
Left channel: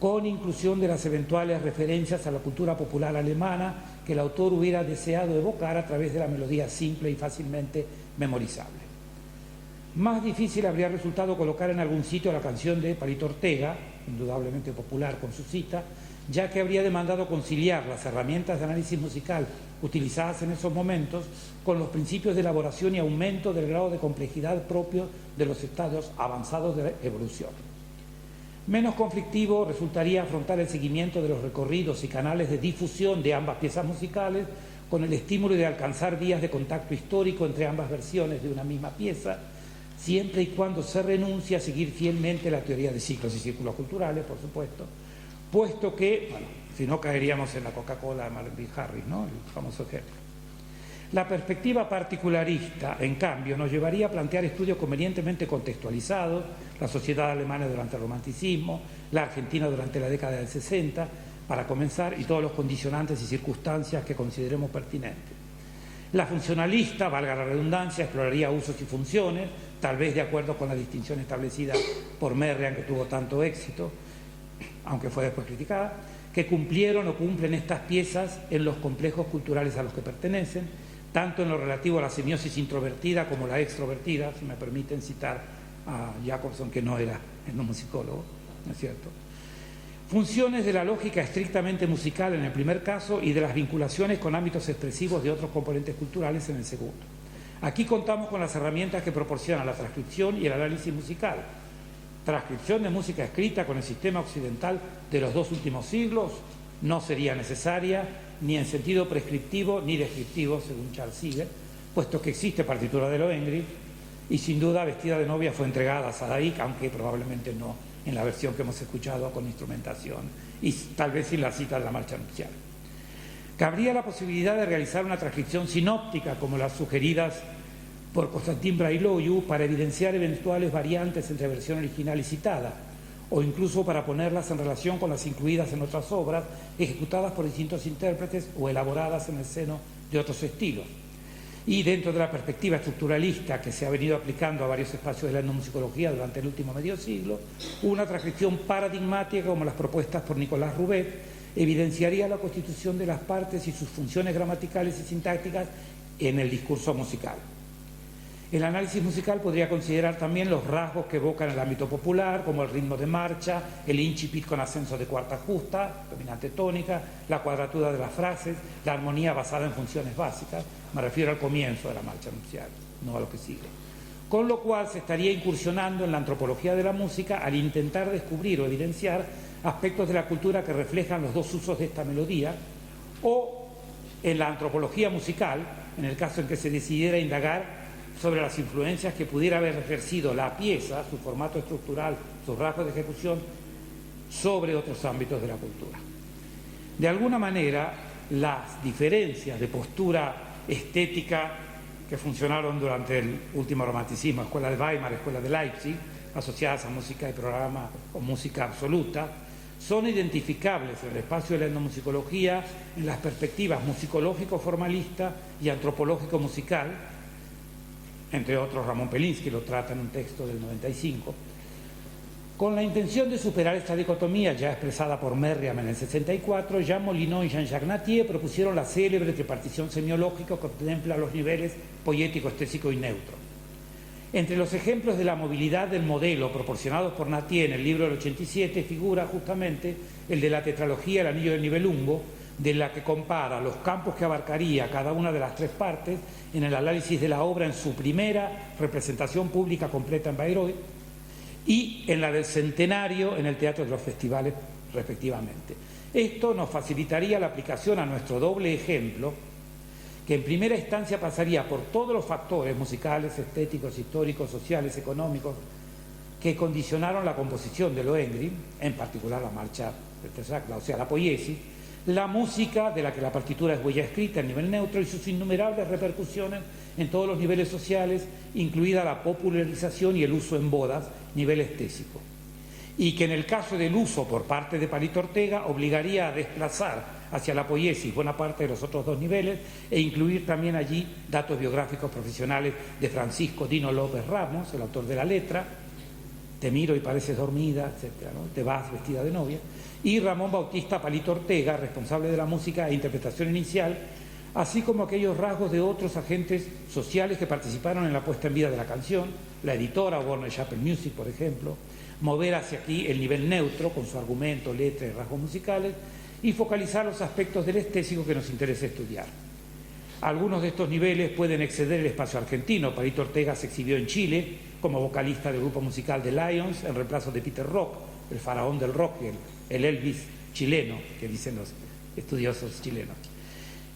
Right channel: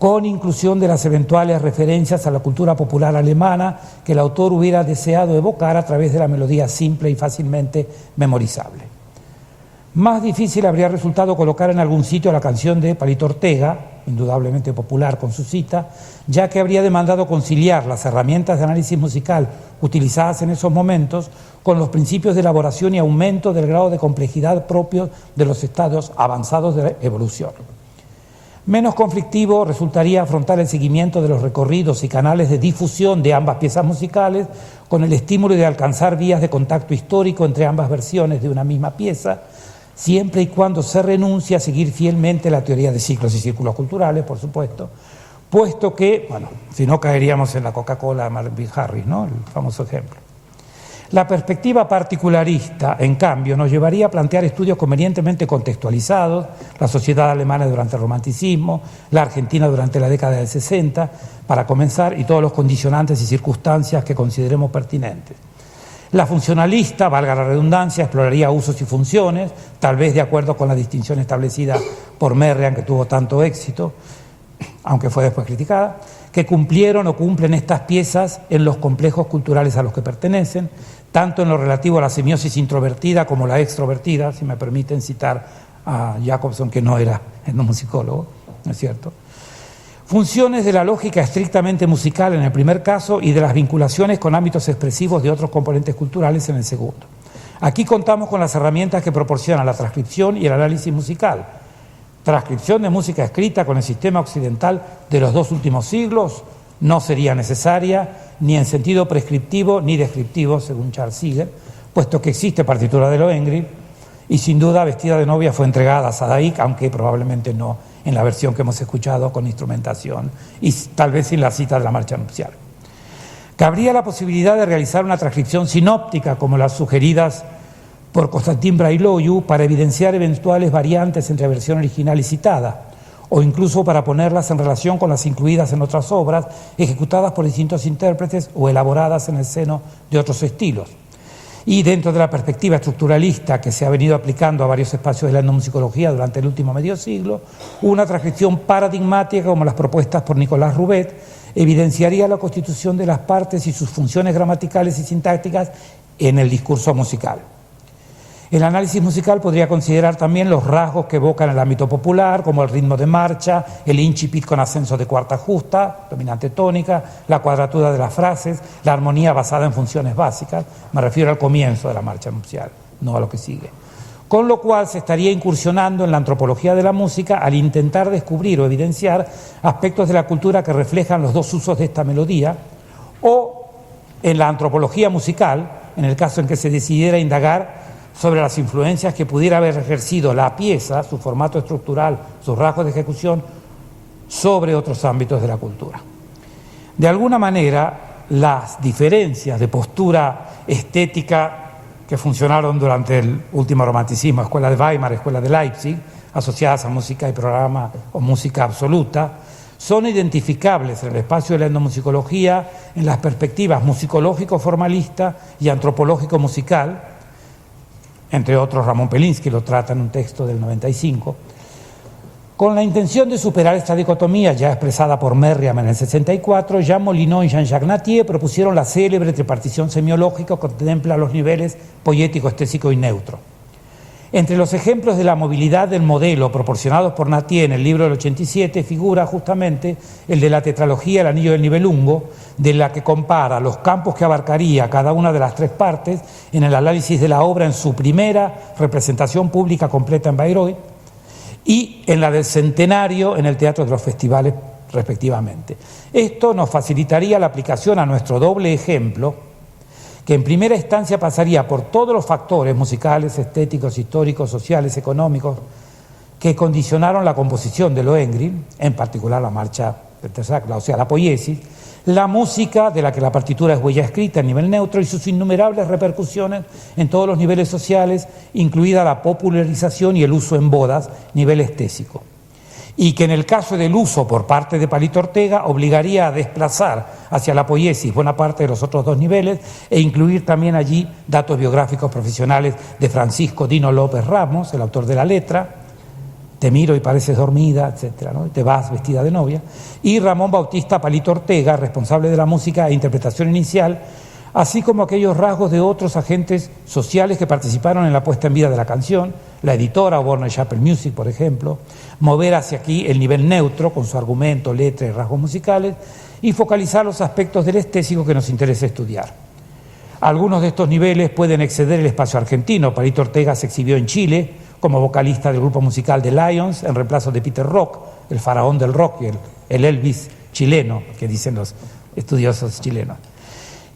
con inclusión de las eventuales referencias a la cultura popular alemana que el autor hubiera deseado evocar a través de la melodía simple y fácilmente memorizable. Más difícil habría resultado colocar en algún sitio la canción de Palito Ortega, indudablemente popular con su cita, ya que habría demandado conciliar las herramientas de análisis musical utilizadas en esos momentos con los principios de elaboración y aumento del grado de complejidad propios de los estados avanzados de la evolución. Menos conflictivo resultaría afrontar el seguimiento de los recorridos y canales de difusión de ambas piezas musicales con el estímulo de alcanzar vías de contacto histórico entre ambas versiones de una misma pieza, siempre y cuando se renuncie a seguir fielmente la teoría de ciclos y círculos culturales, por supuesto, puesto que, bueno, si no caeríamos en la Coca-Cola de Marvin Harris, ¿no?, el famoso ejemplo. La perspectiva particularista, en cambio, nos llevaría a plantear estudios convenientemente contextualizados, la sociedad alemana durante el romanticismo, la Argentina durante la década del 60, para comenzar, y todos los condicionantes y circunstancias que consideremos pertinentes. La funcionalista, valga la redundancia, exploraría usos y funciones, tal vez de acuerdo con la distinción establecida por Merriam, que tuvo tanto éxito, aunque fue después criticada, que cumplieron o cumplen estas piezas en los complejos culturales a los que pertenecen, tanto en lo relativo a la semiosis introvertida como la extrovertida, si me permiten citar a Jacobson, que no era etnomusicólogo, ¿no es cierto? Funciones de la lógica estrictamente musical en el primer caso y de las vinculaciones con ámbitos expresivos de otros componentes culturales en el segundo. Aquí contamos con las herramientas que proporcionan la transcripción y el análisis musical. Transcripción de música escrita con el sistema occidental de los 2 últimos siglos no sería necesaria, ni en sentido prescriptivo ni descriptivo, según Charles Seeger, puesto que existe partitura de Lohengrin y sin duda Vestida de novia fue entregada a Sadaik, aunque probablemente no en la versión que hemos escuchado con instrumentación y tal vez sin la cita de la marcha nupcial. Cabría la posibilidad de realizar una transcripción sinóptica como las sugeridas por Konstantin Brailoiu para evidenciar eventuales variantes entre versión original y citada, o incluso para ponerlas en relación con las incluidas en otras obras ejecutadas por distintos intérpretes o elaboradas en el seno de otros estilos. Y dentro de la perspectiva estructuralista que se ha venido aplicando a varios espacios de la etnomusicología durante el último medio siglo, una transcripción paradigmática como las propuestas por Nicolás Roubet evidenciaría la constitución de las partes y sus funciones gramaticales y sintácticas en el discurso musical. El análisis musical podría considerar también los rasgos que evocan el ámbito popular, como el ritmo de marcha, el incipit con ascenso de cuarta justa, dominante tónica, la cuadratura de las frases, la armonía basada en funciones básicas. Me refiero al comienzo de la marcha nupcial, no a lo que sigue. Con lo cual se estaría incursionando en la antropología de la música al intentar descubrir o evidenciar aspectos de la cultura que reflejan los 2 usos de esta melodía, o en la antropología musical, en el caso en que se decidiera indagar sobre las influencias que pudiera haber ejercido la pieza, su formato estructural, sus rasgos de ejecución, sobre otros ámbitos de la cultura. De alguna manera, las diferencias de postura estética que funcionaron durante el último romanticismo, Escuela de Weimar, Escuela de Leipzig, asociadas a música y programa o música absoluta, son identificables en el espacio de la etnomusicología en las perspectivas musicológico-formalista y antropológico-musical. Entre otros, Ramón Pelinsky lo trata en un texto del 95, con la intención de superar esta dicotomía ya expresada por Merriam en el 64, Jean Molineau y Jean-Jacques Nattier propusieron la célebre tripartición semiológica que contempla los niveles poético, estético y neutro. Entre los ejemplos de la movilidad del modelo proporcionados por Nattier en el libro del 87 figura justamente el de la tetralogía El anillo del Nibelungo, de la que compara los campos que abarcaría cada una de las 3 partes en el análisis de la obra en su primera representación pública completa en Bayreuth y en la del centenario en el Teatro de los Festivales respectivamente. Esto nos facilitaría la aplicación a nuestro doble ejemplo, que en primera instancia pasaría por todos los factores musicales, estéticos, históricos, sociales, económicos, que condicionaron la composición de Lohengrin, en particular la marcha o sea, la poiesis, la música de la que la partitura es huella escrita a nivel neutro y sus innumerables repercusiones en todos los niveles sociales, incluida la popularización y el uso en bodas, nivel estético. Y que en el caso del uso por parte de Palito Ortega obligaría a desplazar hacia la poiesis buena parte de los otros 2 niveles e incluir también allí datos biográficos profesionales de Francisco Dino López Ramos, el autor de la letra, Te miro y pareces dormida, etcétera, ¿no? Te vas vestida de novia, y Ramón Bautista Palito Ortega, responsable de la música e interpretación inicial, así como aquellos rasgos de otros agentes sociales que participaron en la puesta en vida de la canción, la editora Warner Chappell Music, por ejemplo, mover hacia aquí el nivel neutro con su argumento, letra y rasgos musicales y focalizar los aspectos del estético que nos interesa estudiar. Algunos de estos niveles pueden exceder el espacio argentino. Palito Ortega se exhibió en Chile como vocalista del grupo musical The Lions en reemplazo de Peter Rock, el faraón del rock y el Elvis chileno, que dicen los estudiosos chilenos.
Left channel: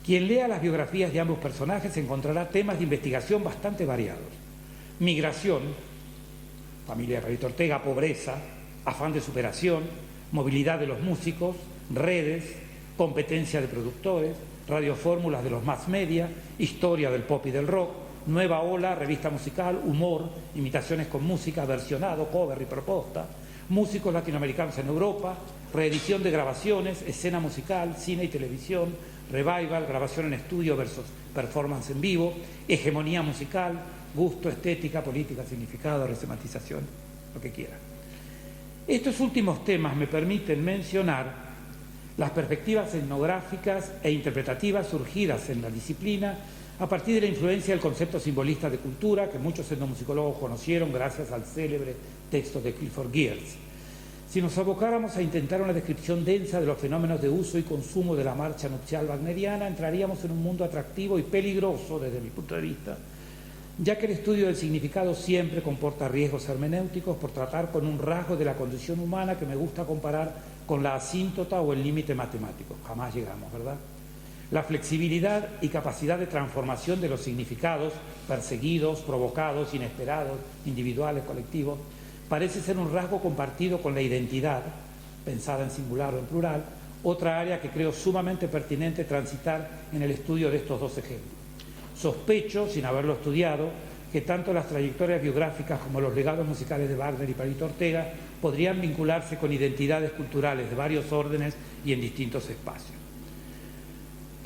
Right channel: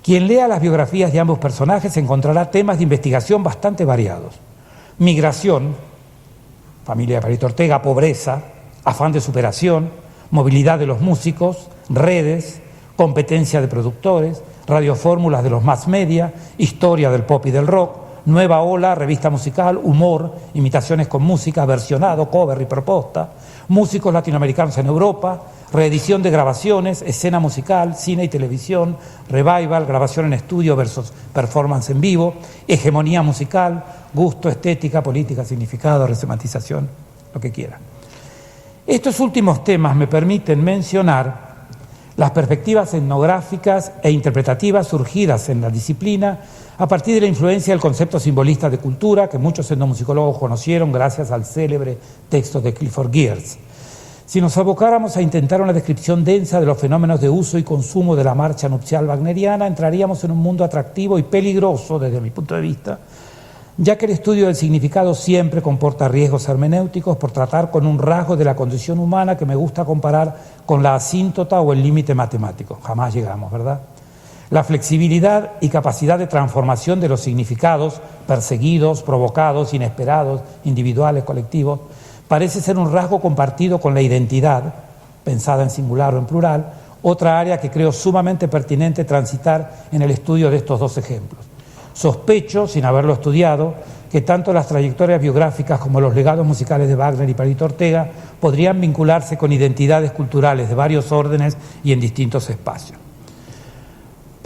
Quien lea las biografías de ambos personajes encontrará temas de investigación bastante variados. Migración, familia de Palito Ortega, pobreza, afán de superación, movilidad de los músicos, redes, competencia de productores, radiofórmulas de los mass media, historia del pop y del rock, nueva ola, revista musical, humor, imitaciones con música, versionado, cover y proposta, músicos latinoamericanos en Europa, reedición de grabaciones, escena musical, cine y televisión, revival, grabación en estudio versus performance en vivo, hegemonía musical, gusto, estética, política, significado, resemantización, lo que quiera. Estos últimos temas me permiten mencionar las perspectivas etnográficas e interpretativas surgidas en la disciplina a partir de la influencia del concepto simbolista de cultura que muchos etnomusicólogos conocieron gracias al célebre texto de Clifford Geertz. Si nos abocáramos a intentar una descripción densa de los fenómenos de uso y consumo de la marcha nupcial wagneriana, entraríamos en un mundo atractivo y peligroso desde mi punto de vista, ya que el estudio del significado siempre comporta riesgos hermenéuticos por tratar con un rasgo de la condición humana que me gusta comparar con la asíntota o el límite matemático. Jamás llegamos, ¿verdad? La flexibilidad y capacidad de transformación de los significados perseguidos, provocados, inesperados, individuales, colectivos, parece ser un rasgo compartido con la identidad, pensada en singular o en plural, otra área que creo sumamente pertinente transitar en el estudio de estos dos ejemplos. Sospecho, sin haberlo estudiado, que tanto las trayectorias biográficas como los legados musicales de Wagner y Palito Ortega podrían vincularse con identidades culturales de varios órdenes y en distintos espacios.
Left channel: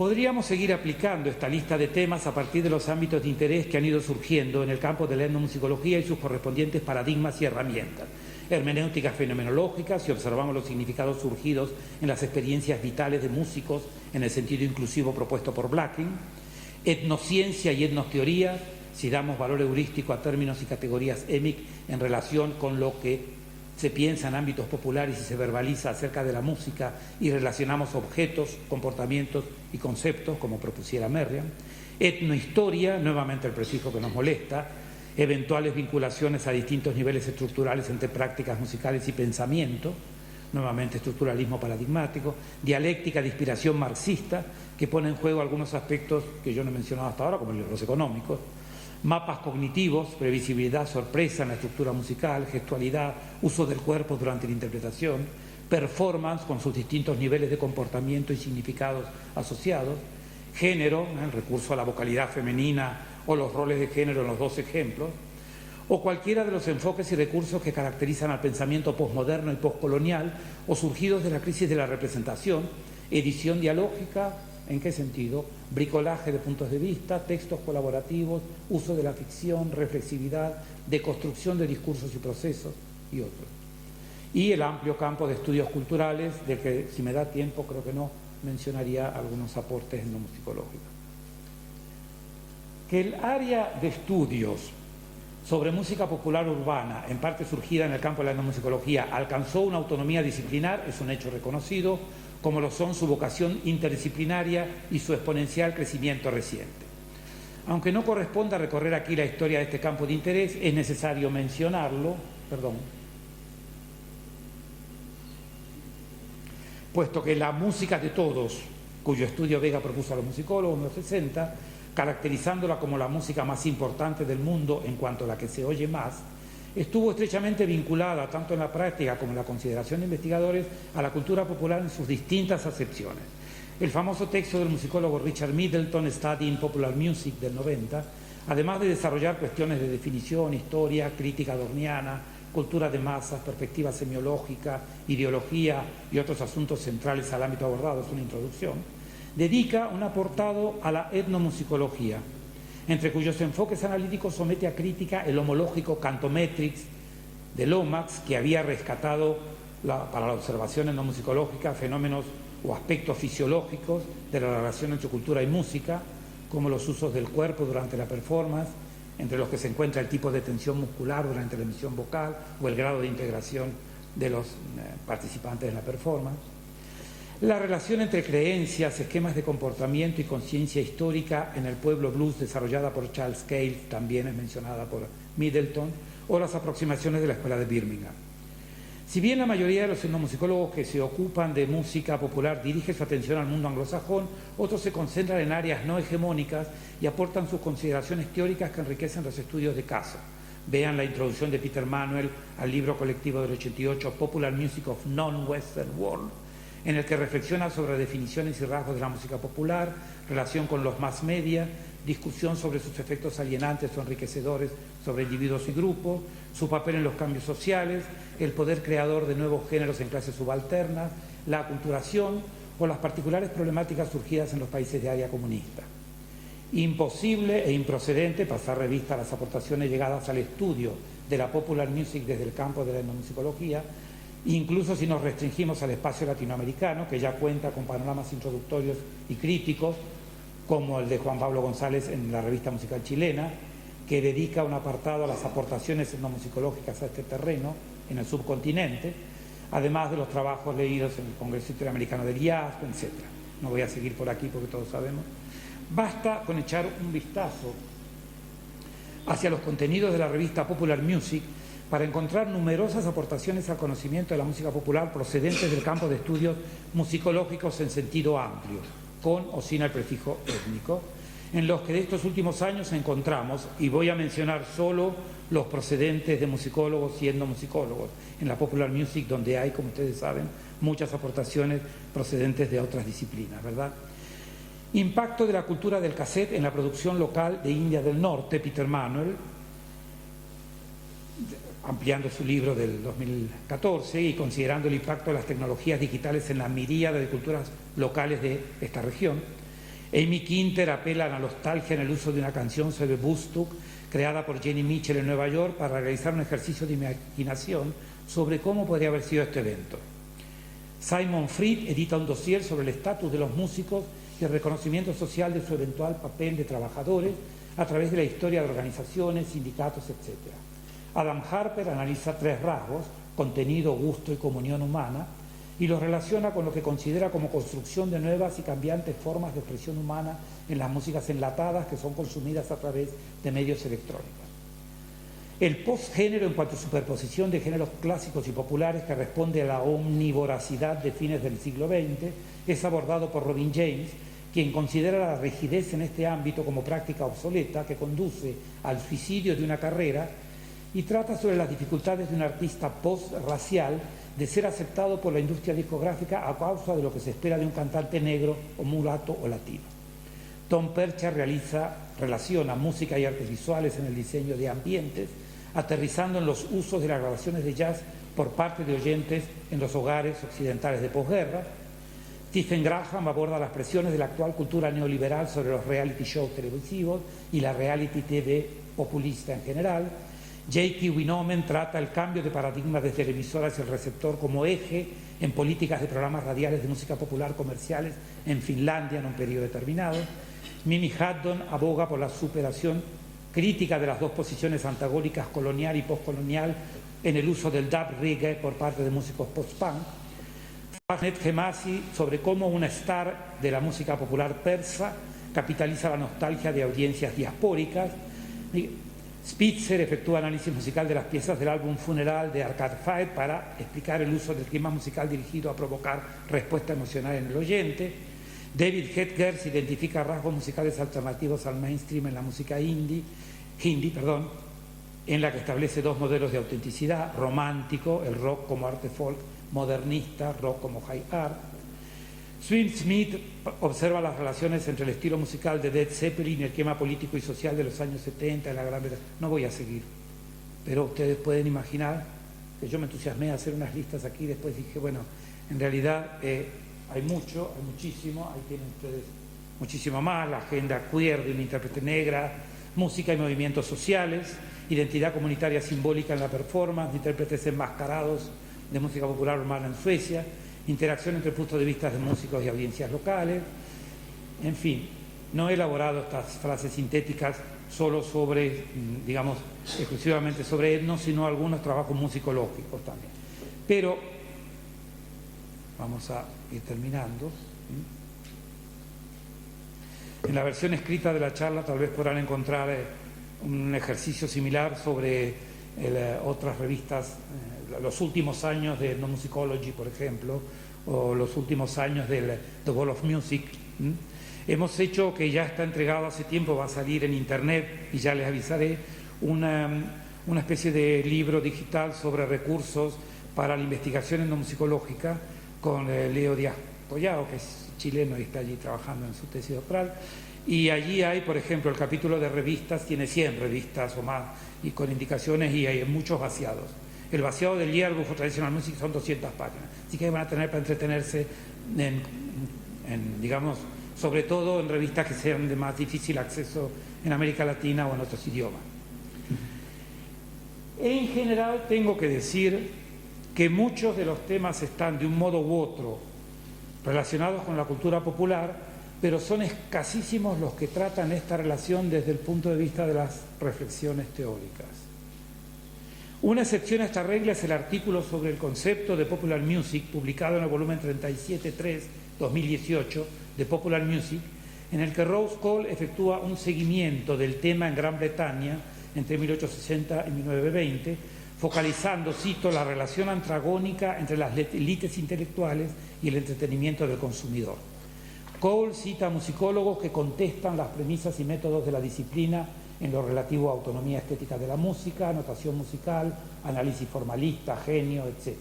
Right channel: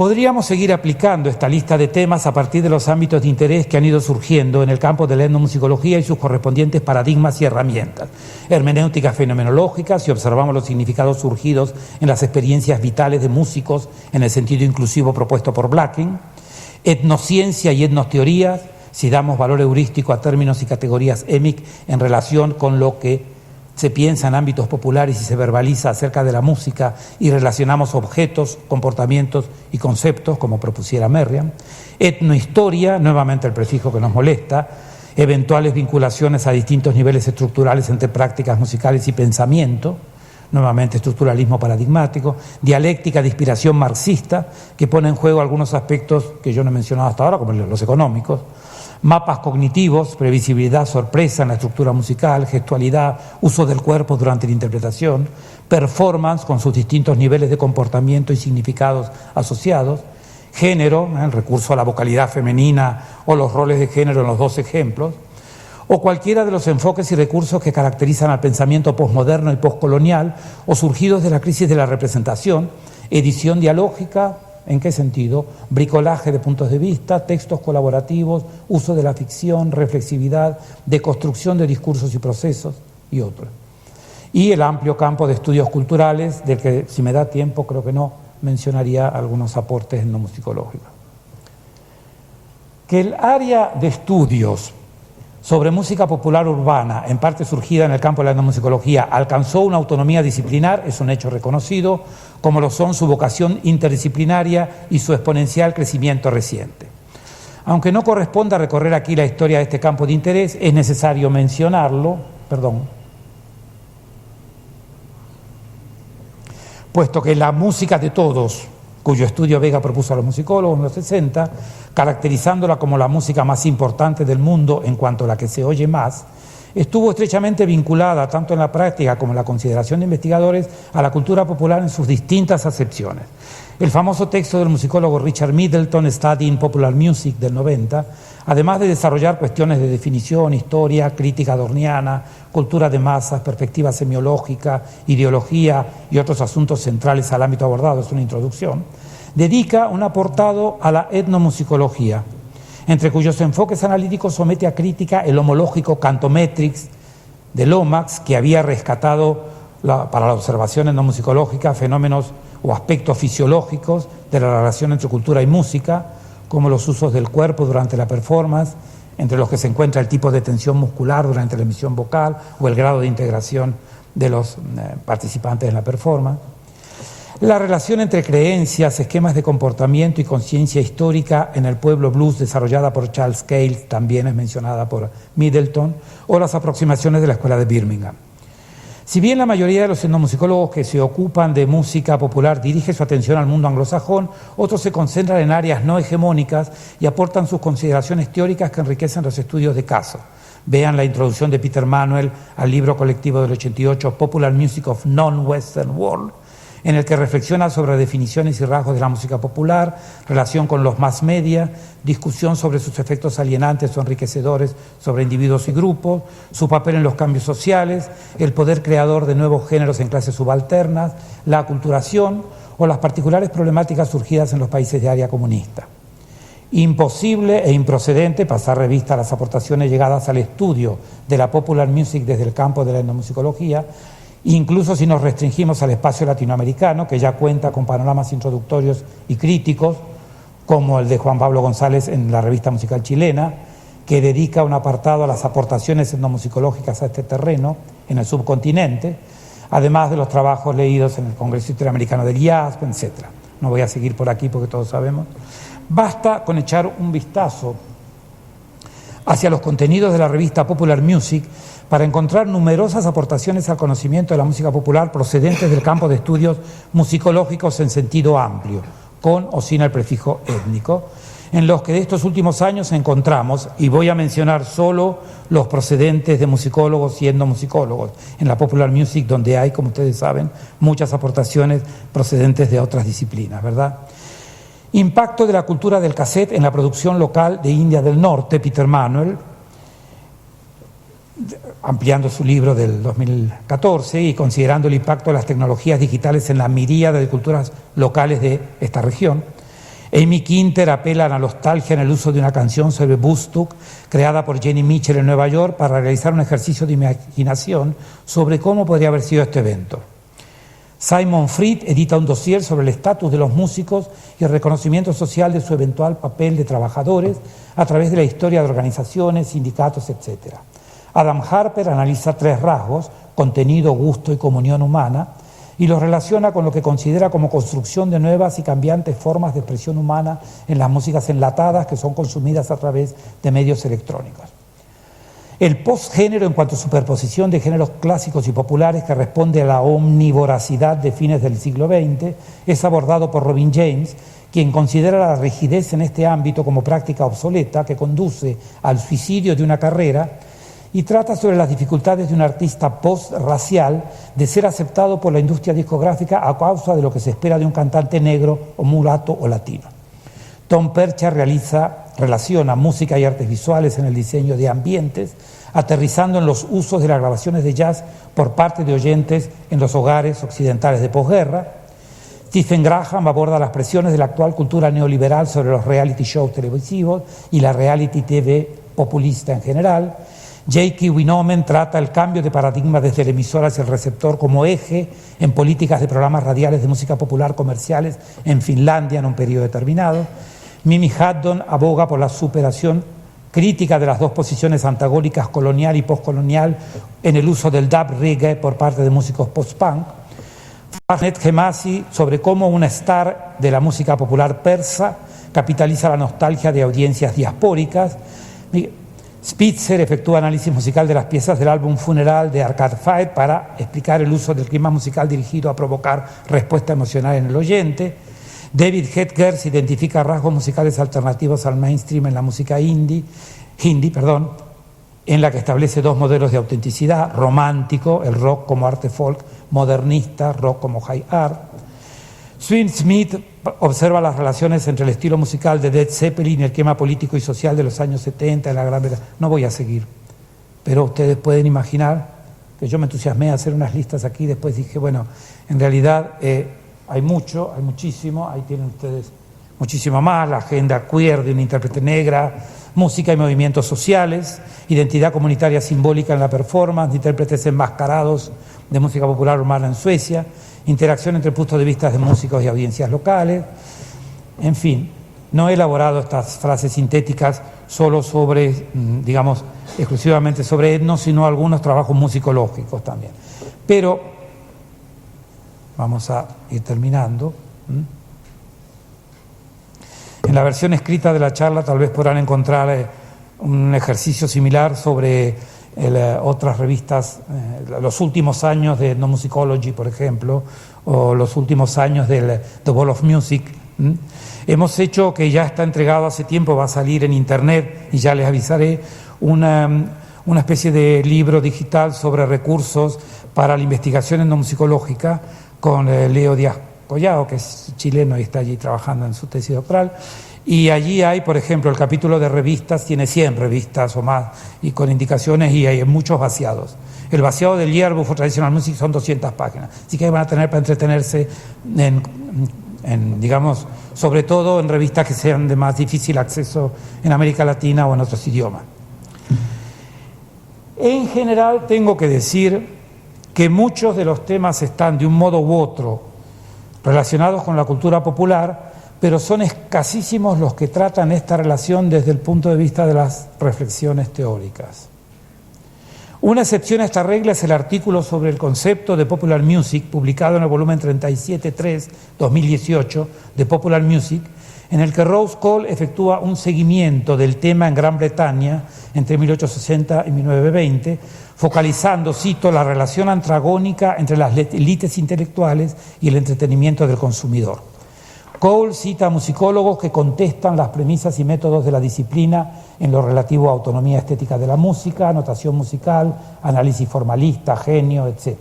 Podríamos seguir aplicando esta lista de temas a partir de los ámbitos de interés que han ido surgiendo en el campo de la etnomusicología y sus correspondientes paradigmas y herramientas, hermenéuticas fenomenológicas, si observamos los significados surgidos en las experiencias vitales de músicos en el sentido inclusivo propuesto por Blacking, etnociencia y etnosteoría, si damos valor heurístico a términos y categorías EMIC en relación con lo que se piensa en ámbitos populares y se verbaliza acerca de la música y relacionamos objetos, comportamientos y conceptos, como propusiera Merriam. Etnohistoria, nuevamente el prefijo que nos molesta, eventuales vinculaciones a distintos niveles estructurales entre prácticas musicales y pensamiento, nuevamente estructuralismo paradigmático, dialéctica de inspiración marxista, que pone en juego algunos aspectos que yo no he mencionado hasta ahora, como los económicos, mapas cognitivos, previsibilidad, sorpresa en la estructura musical, gestualidad, uso del cuerpo durante la interpretación, performance con sus distintos niveles de comportamiento y significados asociados, género, el recurso a la vocalidad femenina o los roles de género en los dos ejemplos, o cualquiera de los enfoques y recursos que caracterizan al pensamiento posmoderno y poscolonial o surgidos de la crisis de la representación, edición dialógica. ¿En qué sentido? Bricolaje de puntos de vista, textos colaborativos, uso de la ficción, reflexividad, deconstrucción de discursos y procesos y otros. Y el amplio campo de estudios culturales, del que si me da tiempo creo que no, mencionaría algunos aportes etnomusicológicos. Que el área de estudios sobre música popular urbana, en parte surgida en el campo de la etnomusicología, alcanzó una autonomía disciplinar, es un hecho reconocido, como lo son su vocación interdisciplinaria y su exponencial crecimiento reciente. Aunque no corresponda recorrer aquí la historia de este campo de interés, es necesario mencionarlo, puesto que la música de todos, cuyo estudio Vega propuso a los musicólogos en los 60, caracterizándola como la música más importante del mundo en cuanto a la que se oye más, estuvo estrechamente vinculada, tanto en la práctica como en la consideración de investigadores, a la cultura popular en sus distintas acepciones. El famoso texto del musicólogo Richard Middleton, Studying Popular Music, del 90, además de desarrollar cuestiones de definición, historia, crítica adorniana, cultura de masas, perspectiva semiológica, ideología y otros asuntos centrales al ámbito abordado, es una introducción, dedica un apartado a la etnomusicología, entre cuyos enfoques analíticos somete a crítica el homológico Cantometrics de Lomax, que había rescatado para la observación etnomusicológica fenómenos o aspectos fisiológicos de la relación entre cultura y música, como los usos del cuerpo durante la performance, entre los que se encuentra el tipo de tensión muscular durante la emisión vocal o el grado de integración de los participantes en la performance. La relación entre creencias, esquemas de comportamiento y conciencia histórica en el pueblo blues desarrollada por Charles Cale, también es mencionada por Middleton, o las aproximaciones de la Escuela de Birmingham. Si bien la mayoría de los etnomusicólogos que se ocupan de música popular dirige su atención al mundo anglosajón, otros se concentran en áreas no hegemónicas y aportan sus consideraciones teóricas que enriquecen los estudios de caso. Vean la introducción de Peter Manuel al libro colectivo del 88, Popular Music of Non-Western World, en el que reflexiona sobre definiciones y rasgos de la música popular, relación con los mass media, discusión sobre sus efectos alienantes o enriquecedores sobre individuos y grupos, su papel en los cambios sociales, el poder creador de nuevos géneros en clases subalternas, la aculturación o las particulares problemáticas surgidas en los países de área comunista. Imposible e improcedente pasar revista a las aportaciones llegadas al estudio de la popular music desde el campo de la etnomusicología, incluso si nos restringimos al espacio latinoamericano, que ya cuenta con panoramas introductorios y críticos, como el de Juan Pablo González en la Revista Musical Chilena, que dedica un apartado a las aportaciones etnomusicológicas a este terreno en el subcontinente, además de los trabajos leídos en el Congreso Interamericano del IASP, etc. No voy a seguir por aquí porque todos sabemos. Basta con echar un vistazo hacia los contenidos de la revista Popular Music para encontrar numerosas aportaciones al conocimiento de la música popular procedentes del campo de estudios musicológicos en sentido amplio, con o sin el prefijo étnico, en los que de estos últimos años encontramos, y voy a mencionar solo los procedentes de musicólogos y etnomusicólogos, en la Popular Music, donde hay, como ustedes saben, muchas aportaciones procedentes de otras disciplinas, ¿verdad? Impacto de la cultura del cassette en la producción local de India del Norte, Peter Manuel, ampliando su libro del 2014 y considerando el impacto de las tecnologías digitales en la miríada de culturas locales de esta región. Amy Quinter apela a la nostalgia en el uso de una canción sobre Woodstock, creada por Jenny Mitchell en Nueva York, para realizar un ejercicio de imaginación sobre cómo podría haber sido este evento. Simon Fried edita un dossier sobre el estatus de los músicos y el reconocimiento social de su eventual papel de trabajadores a través de la historia de organizaciones, sindicatos, etc. Adam Harper analiza 3 rasgos: contenido, gusto y comunión humana, y los relaciona con lo que considera como construcción de nuevas y cambiantes formas de expresión humana en las músicas enlatadas que son consumidas a través de medios electrónicos. El postgénero, en cuanto a superposición de géneros clásicos y populares que responde a la omnivoracidad de fines del siglo XX, es abordado por Robin James, quien considera la rigidez en este ámbito como práctica obsoleta que conduce al suicidio de una carrera, y trata sobre las dificultades de un artista post-racial de ser aceptado por la industria discográfica a causa de lo que se espera de un cantante negro o mulato o latino. Tom Percha relaciona música y artes visuales en el diseño de ambientes, aterrizando en los usos de las grabaciones de jazz por parte de oyentes en los hogares occidentales de posguerra. Stephen Graham aborda las presiones de la actual cultura neoliberal sobre los reality shows televisivos y la reality TV populista en general. J.K. Winomen trata el cambio de paradigma desde la emisora hacia el receptor como eje en políticas de programas radiales de música popular comerciales en Finlandia en un periodo determinado. Mimi Haddon aboga por la superación crítica de las dos posiciones antagónicas colonial y postcolonial en el uso del dub reggae por parte de músicos post-punk. Ahmed Hemasi sobre cómo una star de la música popular persa capitaliza la nostalgia de audiencias diaspóricas. Spitzer efectúa análisis musical de las piezas del álbum Funeral de Arcade Fire para explicar el uso del clima musical dirigido a provocar respuesta emocional en el oyente. David Hedgers identifica rasgos musicales alternativos al mainstream en la música hindi, en la que establece 2 modelos de autenticidad: romántico, el rock como arte folk, modernista, rock como high art. Swin Smith observa las relaciones entre el estilo musical de Led Zeppelin y el clima político y social de los años 70 en la Gran Bretaña. No voy a seguir, pero ustedes pueden imaginar que yo me entusiasmé a hacer unas listas aquí, después dije, bueno, en realidad hay muchísimo, ahí tienen ustedes muchísimo más: la agenda queer de una intérprete negra, música y movimientos sociales, identidad comunitaria simbólica en la performance, intérpretes enmascarados de música popular urbana en Suecia, interacción entre puntos de vista de músicos y audiencias locales. En fin, no he elaborado estas frases sintéticas solo sobre, digamos, exclusivamente sobre etno, sino algunos trabajos musicológicos también. Pero vamos a ir terminando. En la versión escrita de la charla tal vez podrán encontrar un ejercicio similar sobre otras revistas, los últimos años de Ethnomusicology, por ejemplo, o los últimos años del The Wall of Music. Hemos hecho, que ya está entregado hace tiempo, va a salir en internet y ya les avisaré, una especie de libro digital sobre recursos para la investigación etnomusicológica con Leo Díaz Collado, que es chileno y está allí trabajando en su tesis doctoral. Y allí hay, por ejemplo, el capítulo de revistas, tiene 100 revistas o más, y con indicaciones, y hay muchos vaciados. El vaciado del Yearbook for Traditional Music son 200 páginas, así que van a tener para entretenerse digamos, sobre todo en revistas que sean de más difícil acceso en América Latina o en otros idiomas. En general tengo que decir que muchos de los temas están de un modo u otro relacionados con la cultura popular, pero son escasísimos los que tratan esta relación desde el punto de vista de las reflexiones teóricas. Una excepción a esta regla es el artículo sobre el concepto de Popular Music, publicado en el volumen 37.3, 2018, de Popular Music, en el que Rose Cole efectúa un seguimiento del tema en Gran Bretaña entre 1860 y 1920, focalizando, cito, la relación antragónica entre las élites intelectuales y el entretenimiento del consumidor. Cole cita a musicólogos que contestan las premisas y métodos de la disciplina en lo relativo a autonomía estética de la música, notación musical, análisis formalista, genio, etc.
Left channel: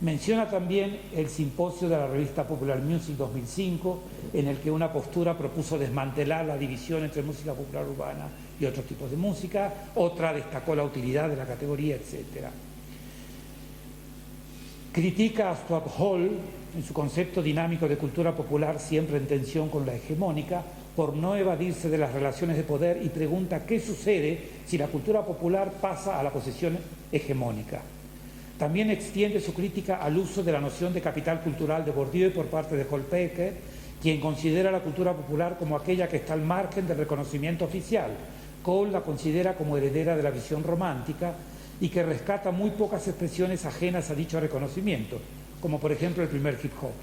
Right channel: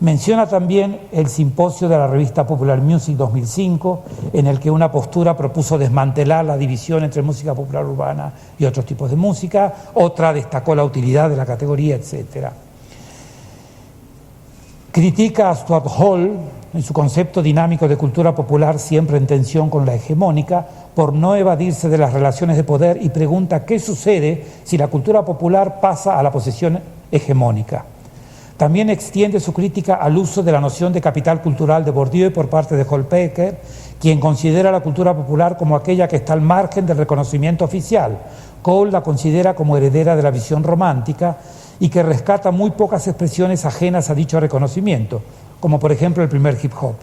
Menciona también el simposio de la revista Popular Music 2005, en el que una postura propuso desmantelar la división entre música popular urbana y otros tipos de música, otra destacó la utilidad de la categoría, etc. Critica a Stuart Hall en su concepto dinámico de cultura popular, siempre en tensión con la hegemónica, por no evadirse de las relaciones de poder, y pregunta qué sucede si la cultura popular pasa a la posición hegemónica. También extiende su crítica al uso de la noción de capital cultural de Bourdieu por parte de Hall-Pecker, quien considera la cultura popular como aquella que está al margen del reconocimiento oficial. Cole la considera como heredera de la visión romántica y que rescata muy pocas expresiones ajenas a dicho reconocimiento, como por ejemplo el primer hip hop.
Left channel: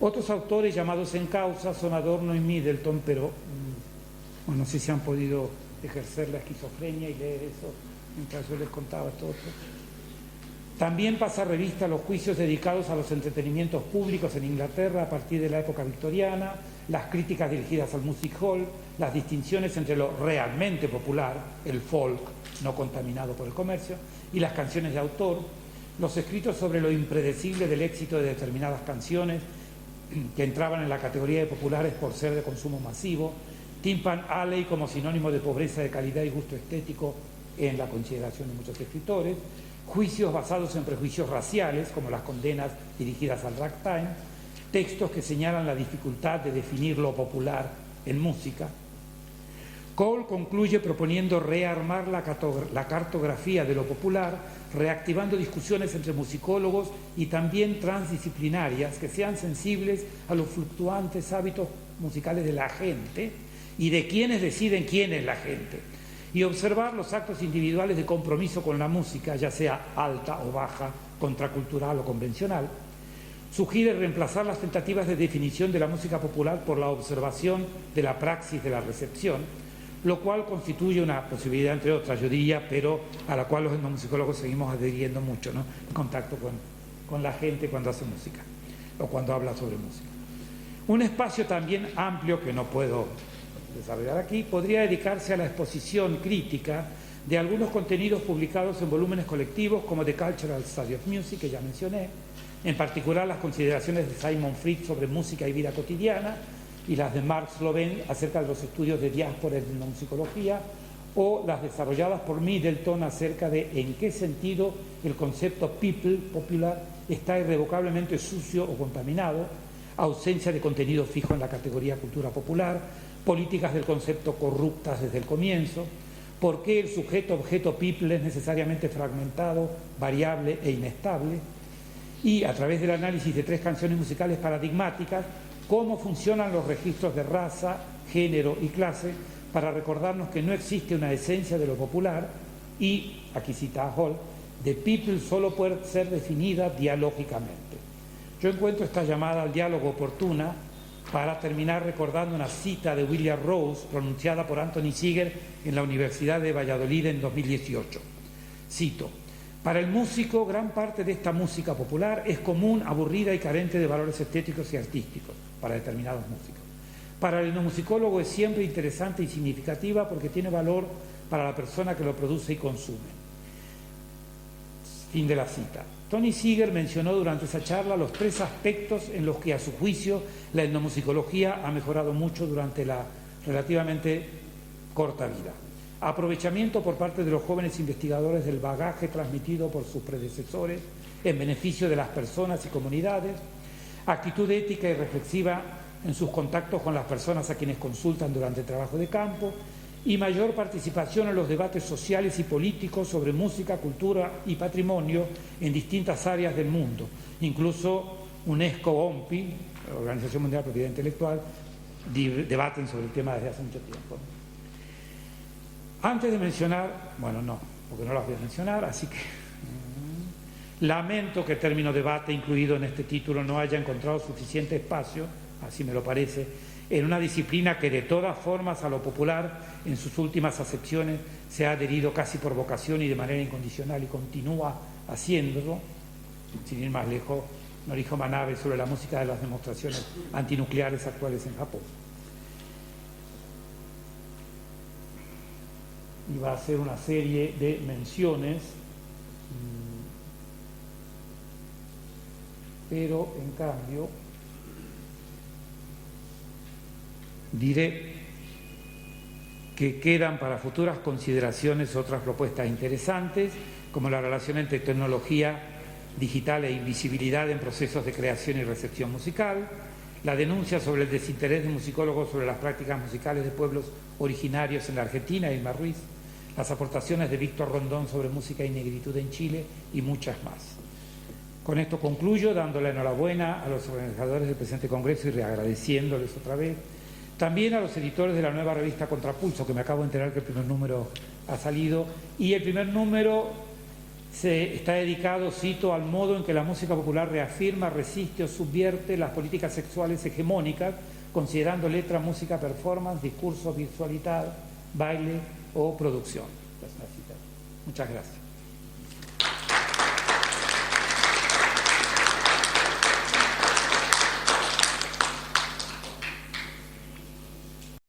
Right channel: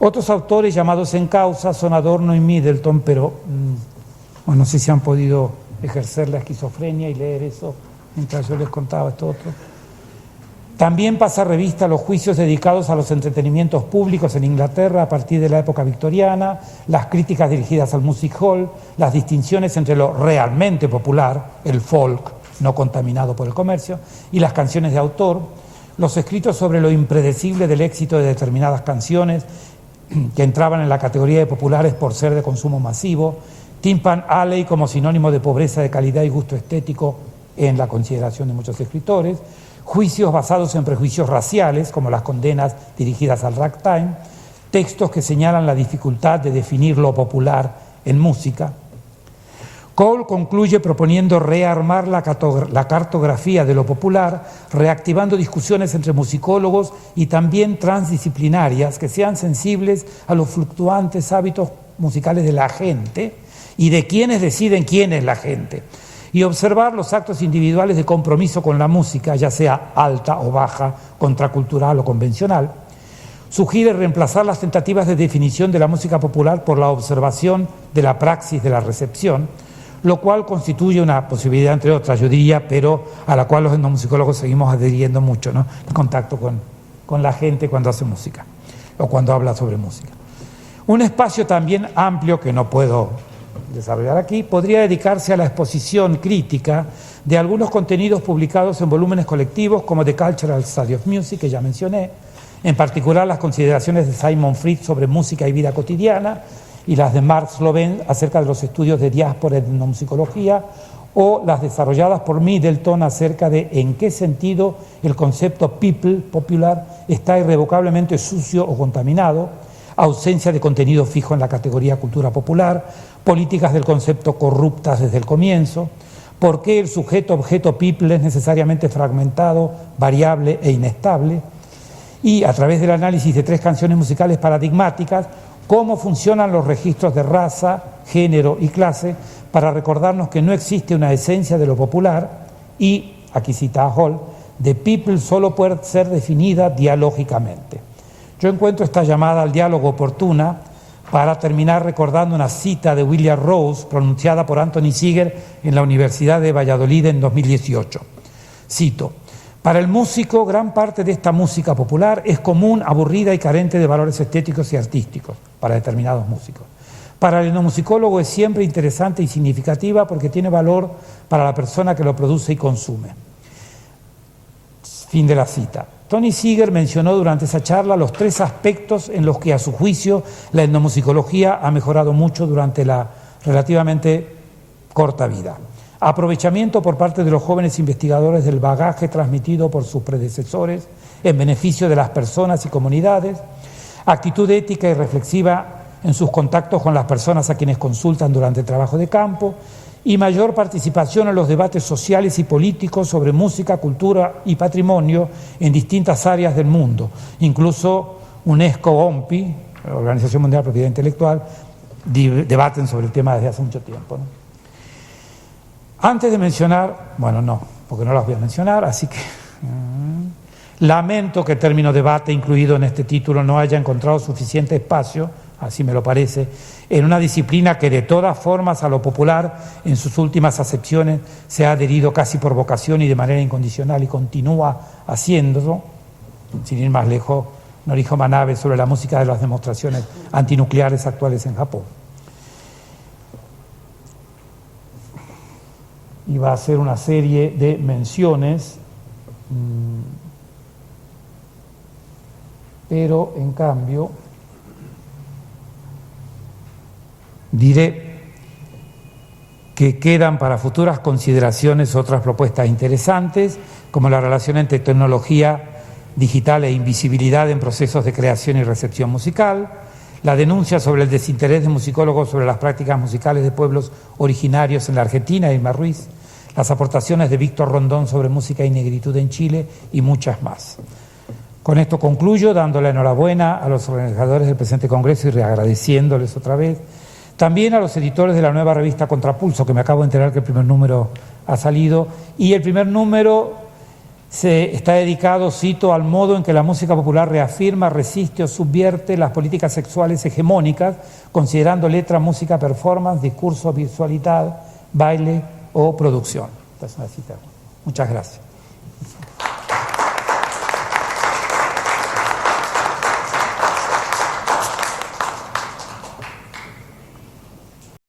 Otros autores llamados en causa son Adorno y Middleton, pero no sé si han podido ejercer la esquizofrenia y leer eso mientras yo les contaba esto otro. También pasa revista a los juicios dedicados a los entretenimientos públicos en Inglaterra a partir de la época victoriana, las críticas dirigidas al music hall, las distinciones entre lo realmente popular, el folk, no contaminado por el comercio, y las canciones de autor, los escritos sobre lo impredecible del éxito de determinadas canciones que entraban en la categoría de populares por ser de consumo masivo, Tin Pan Alley como sinónimo de pobreza de calidad y gusto estético en la consideración de muchos escritores, juicios basados en prejuicios raciales, como las condenas dirigidas al ragtime, textos que señalan la dificultad de definir lo popular en música. Cole concluye proponiendo rearmar la cartografía de lo popular, reactivando discusiones entre musicólogos y también transdisciplinarias que sean sensibles a los fluctuantes hábitos musicales de la gente y de quienes deciden quién es la gente, y observar los actos individuales de compromiso con la música, ya sea alta o baja, contracultural o convencional. Sugiere reemplazar las tentativas de definición de la música popular por la observación de la praxis de la recepción, lo cual constituye una posibilidad, entre otras, yo diría, pero a la cual los etnomusicólogos seguimos adhiriendo mucho, ¿no? El contacto con la gente cuando hace música o cuando habla sobre música. Un espacio también amplio, que no puedo desarrollar aquí, podría dedicarse a la exposición crítica de algunos contenidos publicados en volúmenes colectivos como The Cultural Study of Music, que ya mencioné, en particular las consideraciones de Simon Fritz sobre música y vida cotidiana, y las de Mark Sloven acerca de los estudios de diáspora en etnomusicología, o las desarrolladas por Middleton acerca de en qué sentido el concepto people, popular, está irrevocablemente sucio o contaminado, ausencia de contenido fijo en la categoría cultura popular, políticas del concepto corruptas desde el comienzo, por qué el sujeto-objeto people es necesariamente fragmentado, variable e inestable, y a través del análisis de 3 canciones musicales paradigmáticas, cómo funcionan los registros de raza, género y clase para recordarnos que no existe una esencia de lo popular y, aquí cita a Hall, the people solo puede ser definida dialógicamente. Yo encuentro esta llamada al diálogo oportuna para terminar recordando una cita de William Rose pronunciada por Anthony Seeger en la Universidad de Valladolid en 2018. Cito: para el músico, gran parte de esta música popular es común, aburrida y carente de valores estéticos y artísticos para determinados músicos. Para el etnomusicólogo es siempre interesante y significativa porque tiene valor para la persona que lo produce y consume. Fin de la cita. Tony Seeger mencionó durante esa charla los 3 aspectos en los que, a su juicio, la etnomusicología ha mejorado mucho durante la relativamente corta vida. Aprovechamiento por parte de los jóvenes investigadores del bagaje transmitido por sus predecesores en beneficio de las personas y comunidades, actitud ética y reflexiva en sus contactos con las personas a quienes consultan durante el trabajo de campo, y mayor participación en los debates sociales y políticos sobre música, cultura y patrimonio en distintas áreas del mundo. Incluso UNESCO, OMPI, Organización Mundial de Propiedad Intelectual, debaten sobre el tema desde hace mucho tiempo, ¿no? Antes de mencionar, bueno, no, porque no las voy a mencionar, así que lamento que el término debate incluido en este título no haya encontrado suficiente espacio, así me lo parece, en una disciplina que de todas formas a lo popular en sus últimas acepciones se ha adherido casi por vocación y de manera incondicional y continúa haciéndolo, sin ir más lejos, Noriko Manabe sobre la música de las demostraciones antinucleares actuales en Japón. Y va a hacer una serie de menciones, pero en cambio diré que quedan para futuras consideraciones otras propuestas interesantes, como la relación entre tecnología digital e invisibilidad en procesos de creación y recepción musical, la denuncia sobre el desinterés de musicólogos sobre las prácticas musicales de pueblos originarios en la Argentina, Irma Ruiz, las aportaciones de Víctor Rondón sobre música y negritud en Chile y muchas más. Con esto concluyo, dando la enhorabuena a los organizadores del presente congreso y agradeciéndoles otra vez. También a los editores de la nueva revista Contrapulso, que me acabo de enterar que el primer número ha salido, y el primer número está dedicado, cito, al modo en que la música popular reafirma, resiste o subvierte las políticas sexuales hegemónicas, considerando letra, música, performance, discurso, visualidad, baile o producción. Esta es una cita. Muchas gracias.